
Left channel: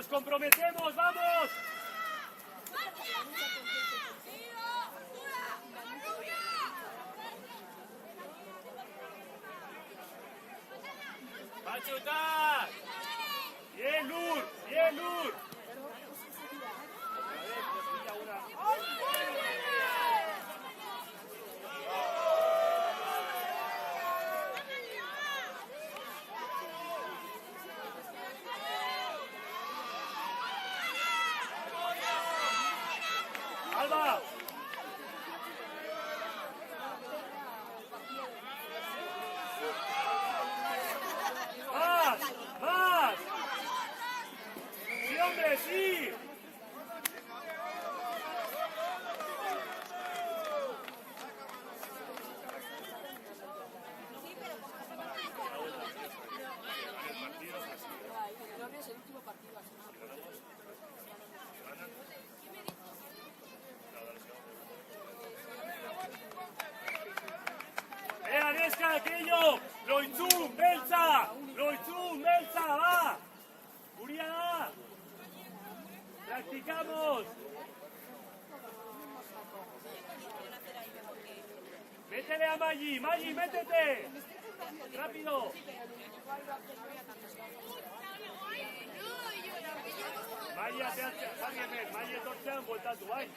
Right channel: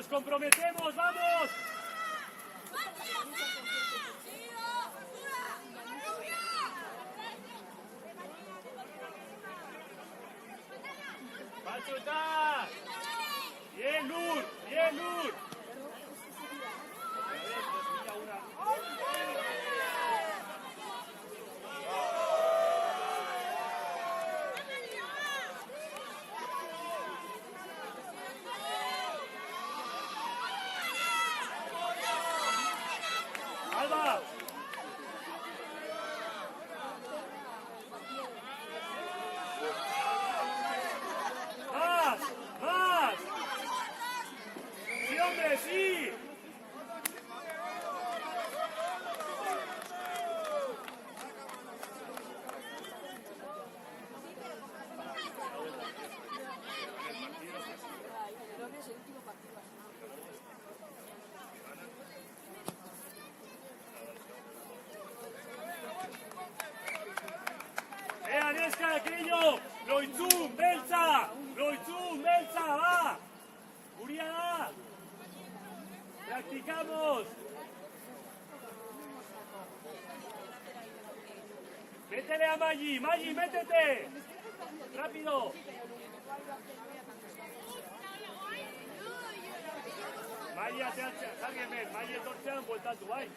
¡Nos comprometemos! ¡Vamos! ¡Va a chutar! ¡Bien, Luz! ¡Bien, Luz! ¡Alba! ¡Más! ¡Más! ¡Sí, hombre, sí! ¡Agnieszka, aquello! ¡Loitzú, Belza! ¡Loitzú, Belza, va! ¡Uriana! ¡Practicamos! ¡Métele a Maggi! ¡Maggi, métete! ¡Rápido! Maggi ateatzen, jarri hemen, Maggi etortzean bueltatu, bai?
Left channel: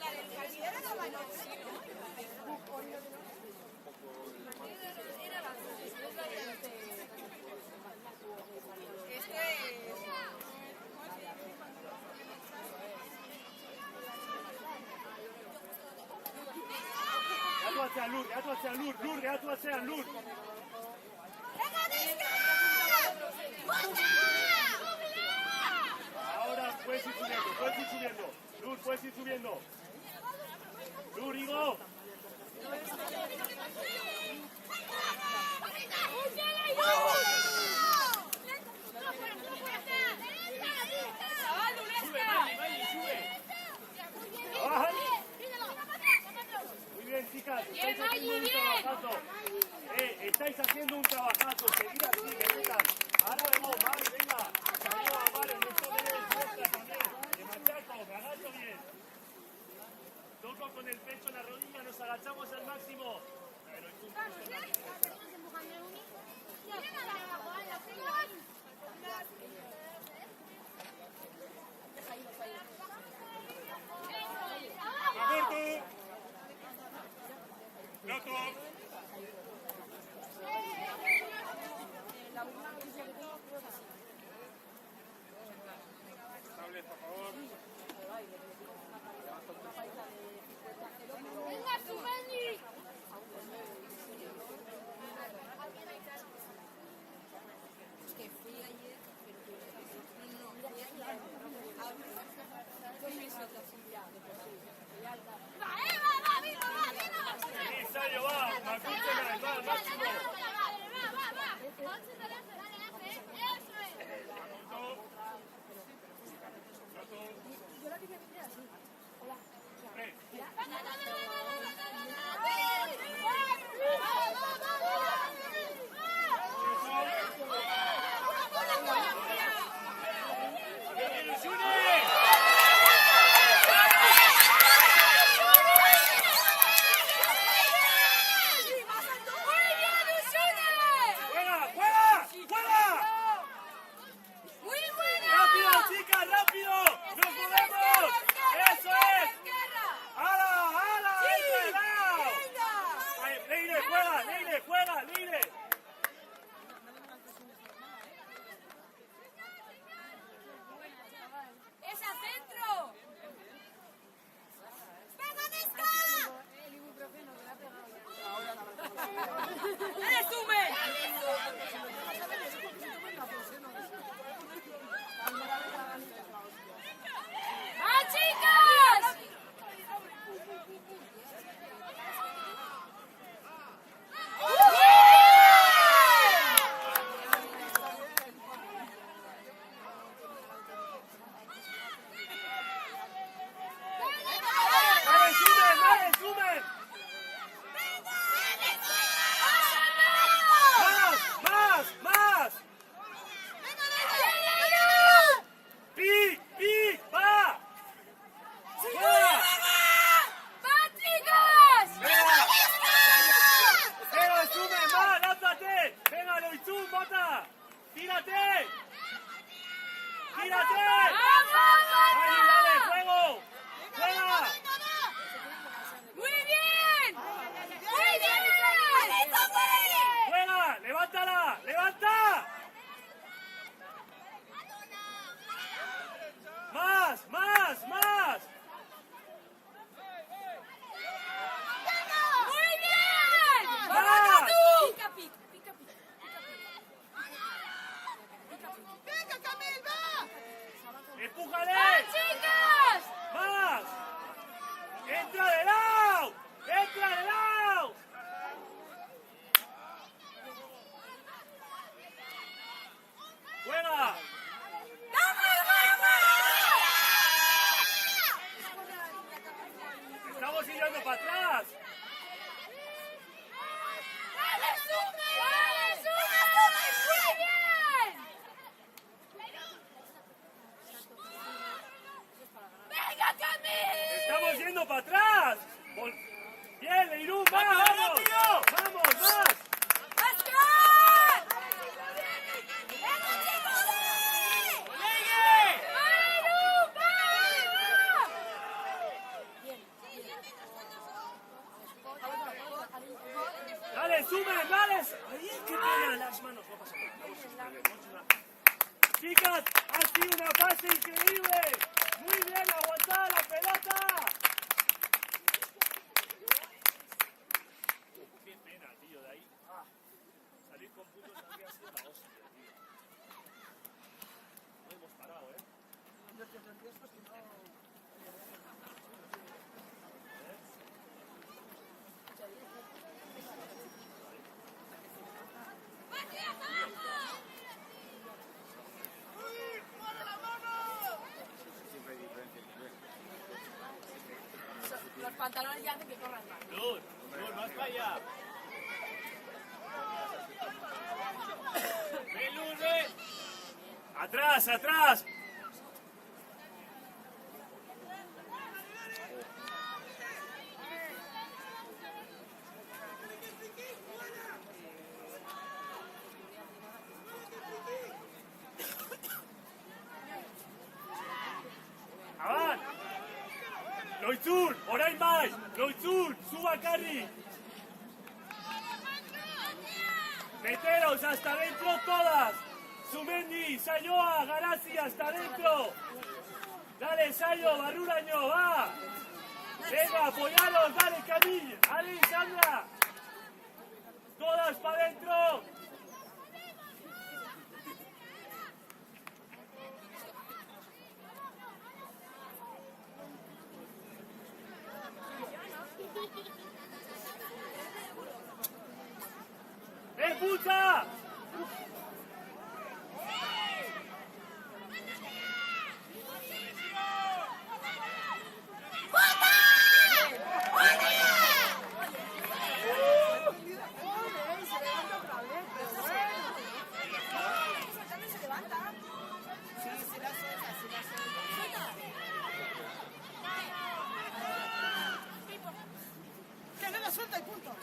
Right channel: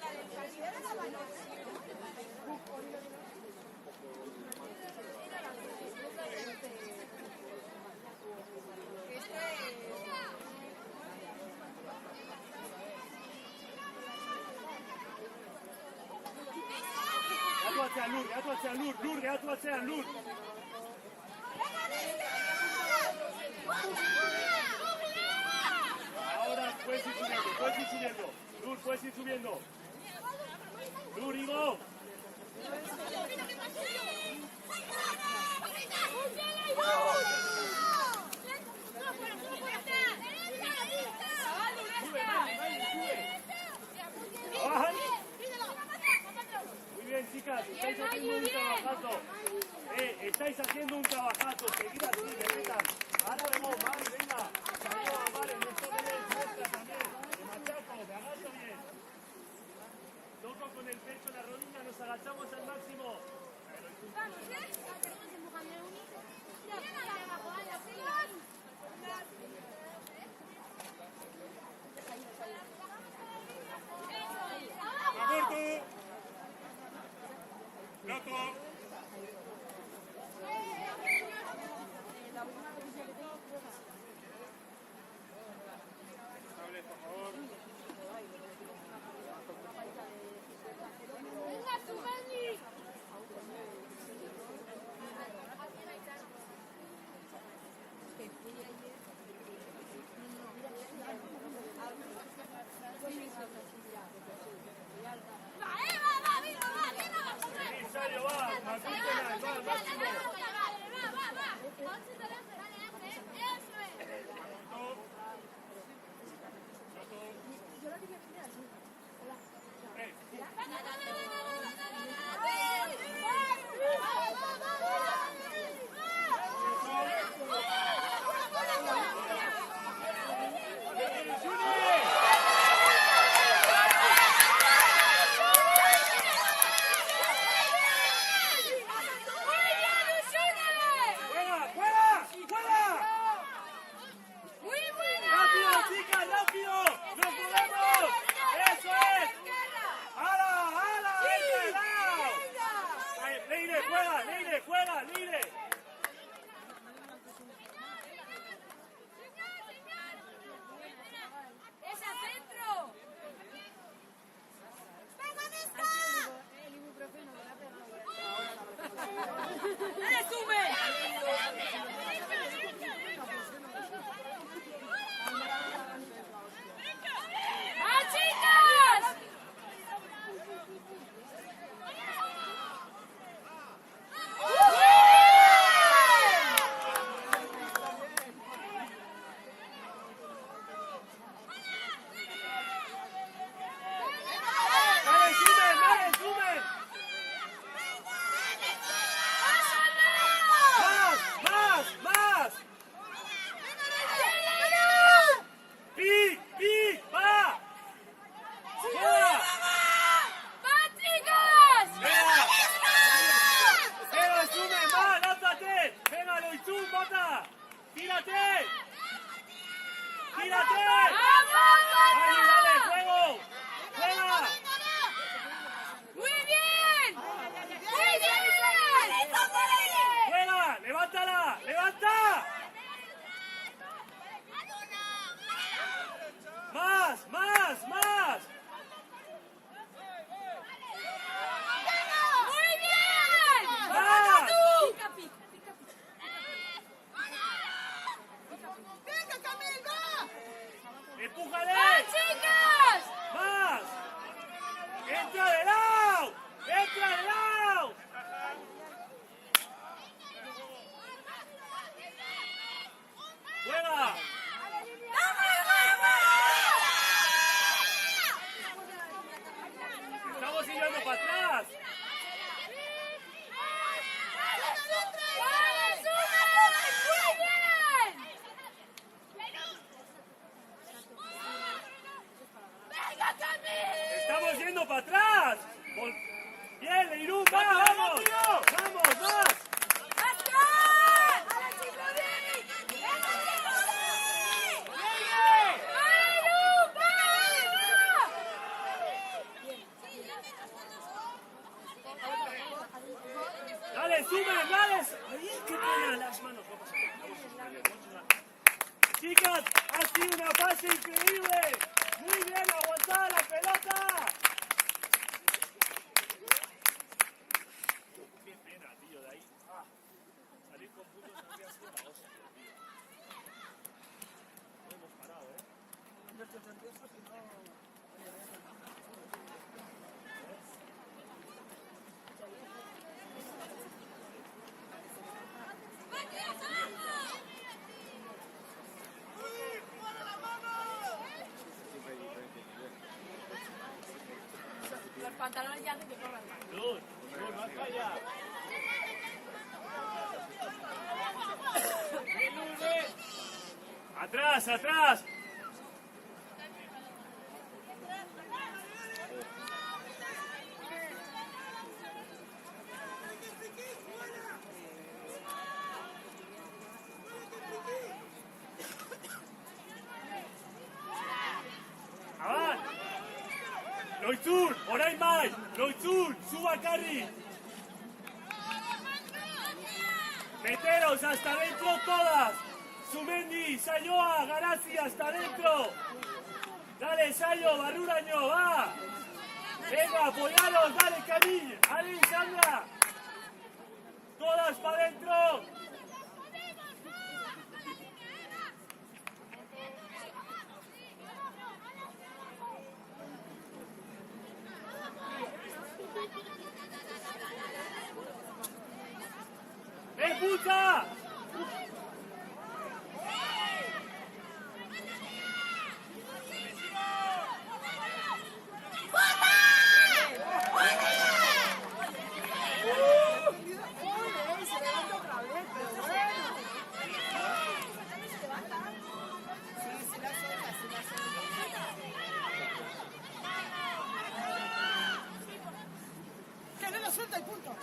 Gehatu atzean lur, lur, gehatu atzean lur. Ahora puedes ir subiendo. Lur, puedes ir subiendo. Lur, Ivo. Abajo. Muy bien, chicas, estáis haciendo un trabajazo. Estáis haciendo un trabajazo. Seguid así, venga. Ahora vamos, vale, venga. Vale, no se debe fuerza también. De machaca, agarrate bien. Toco con el pecho, la rodilla, nos agachamos al máximo. Aborto. Loco. estamos yendo para atrás. ¡Vale, Sumen! ¡Muy bien! ¡Venga, Cami! Estamos yendo para atrás. Bien, Leirú, vamos. Vamos, más. Dale, Sumen, dale. Ay, qué pena, las manos. No pasa nada. Chicas, ha sido una fase increíble. Muy bien, aguantad la pelota. Qué pena, tío, de ahí. Salir con puntos habría sido la hostia. Hemos parado, ¿eh? Yo estoy nervioso, si no... Los pantalones ya hacen que corran. Luz, más para allá. ¡Ven, Luz, ven! ¡Atrás, atrás! ¡Avan! ¡Loitzun! ¡Orain bai! ¡Loitzun! ¡Suba Carri! ¡Meteros hasta dentro todas! ¡Sumendi! ¡Sayoa! ¡Garazi! ¡Hasta adentro! ¡Dale, Sayo! ¡Barruraño! ¡Va! ¡Venga, apoyaros! ¡Dale, Camille! ¡Ali, Sandra! ¡Todas para adentro! ¡Puta! ¡Que no la suelta y punto!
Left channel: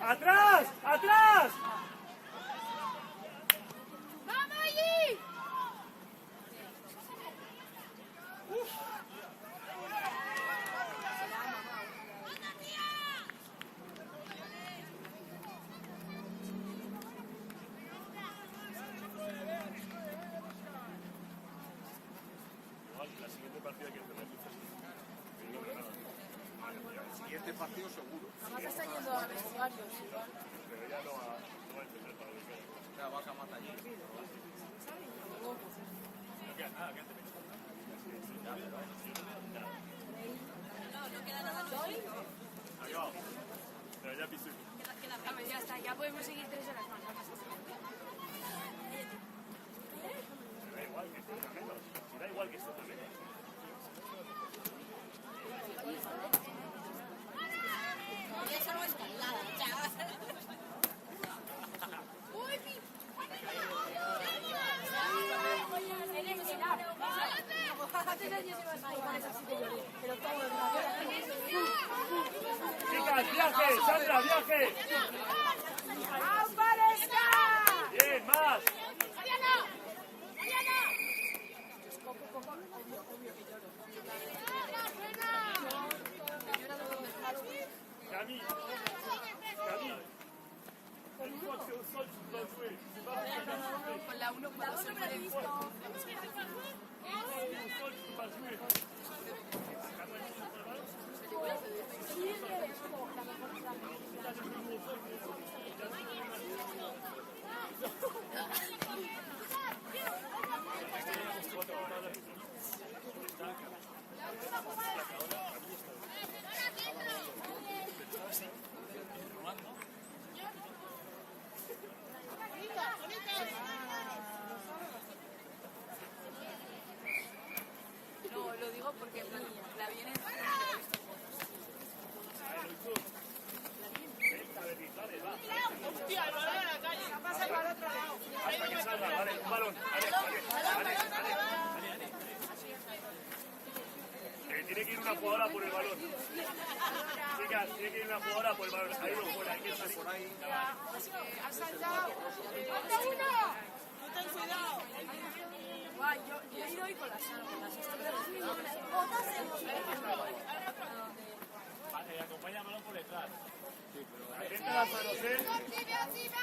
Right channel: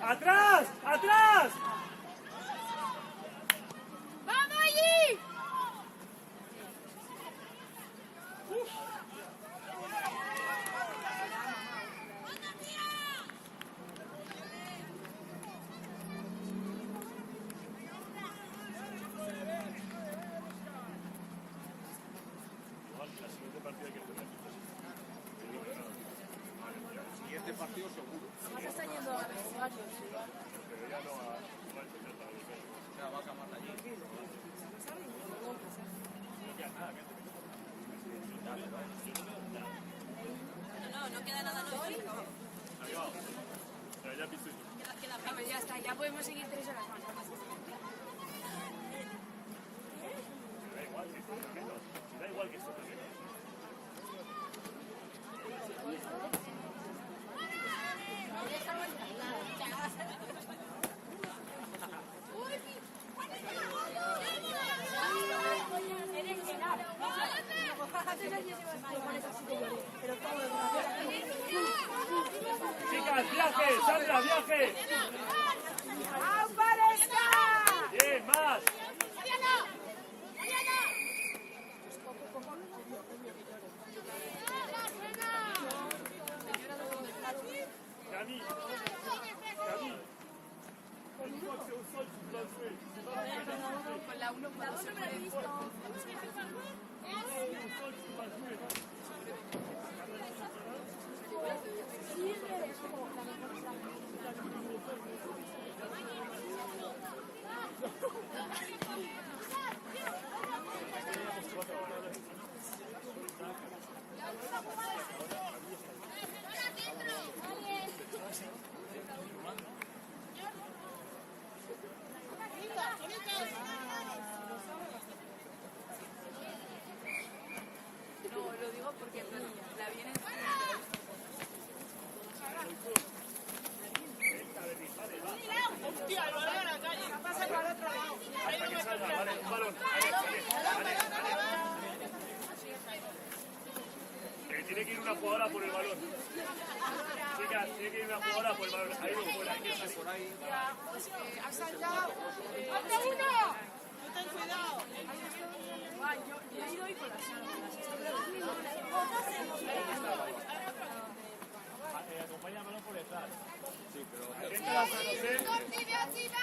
¡Atrás! ¡Atrás! ¡Vamos allí! Este partido seguro. Ya vas a matar allí. Ya está, ya podemos seguir 3 horas más. ¡Viaje! ¡Sandra, viaje! ¡Aparezca! ¡Bien, más! No, lo digo porque la viene tiene que ir una jugadora por el balón. Chicas, tiene que ir una jugadora por el balón. Ahí o por aquí, por ahí. ¡Has saltado! ¡Falta uno! Ten cuidado. Acompáñame por detrás. Atenta a las manos, ¡Arriba, arriba!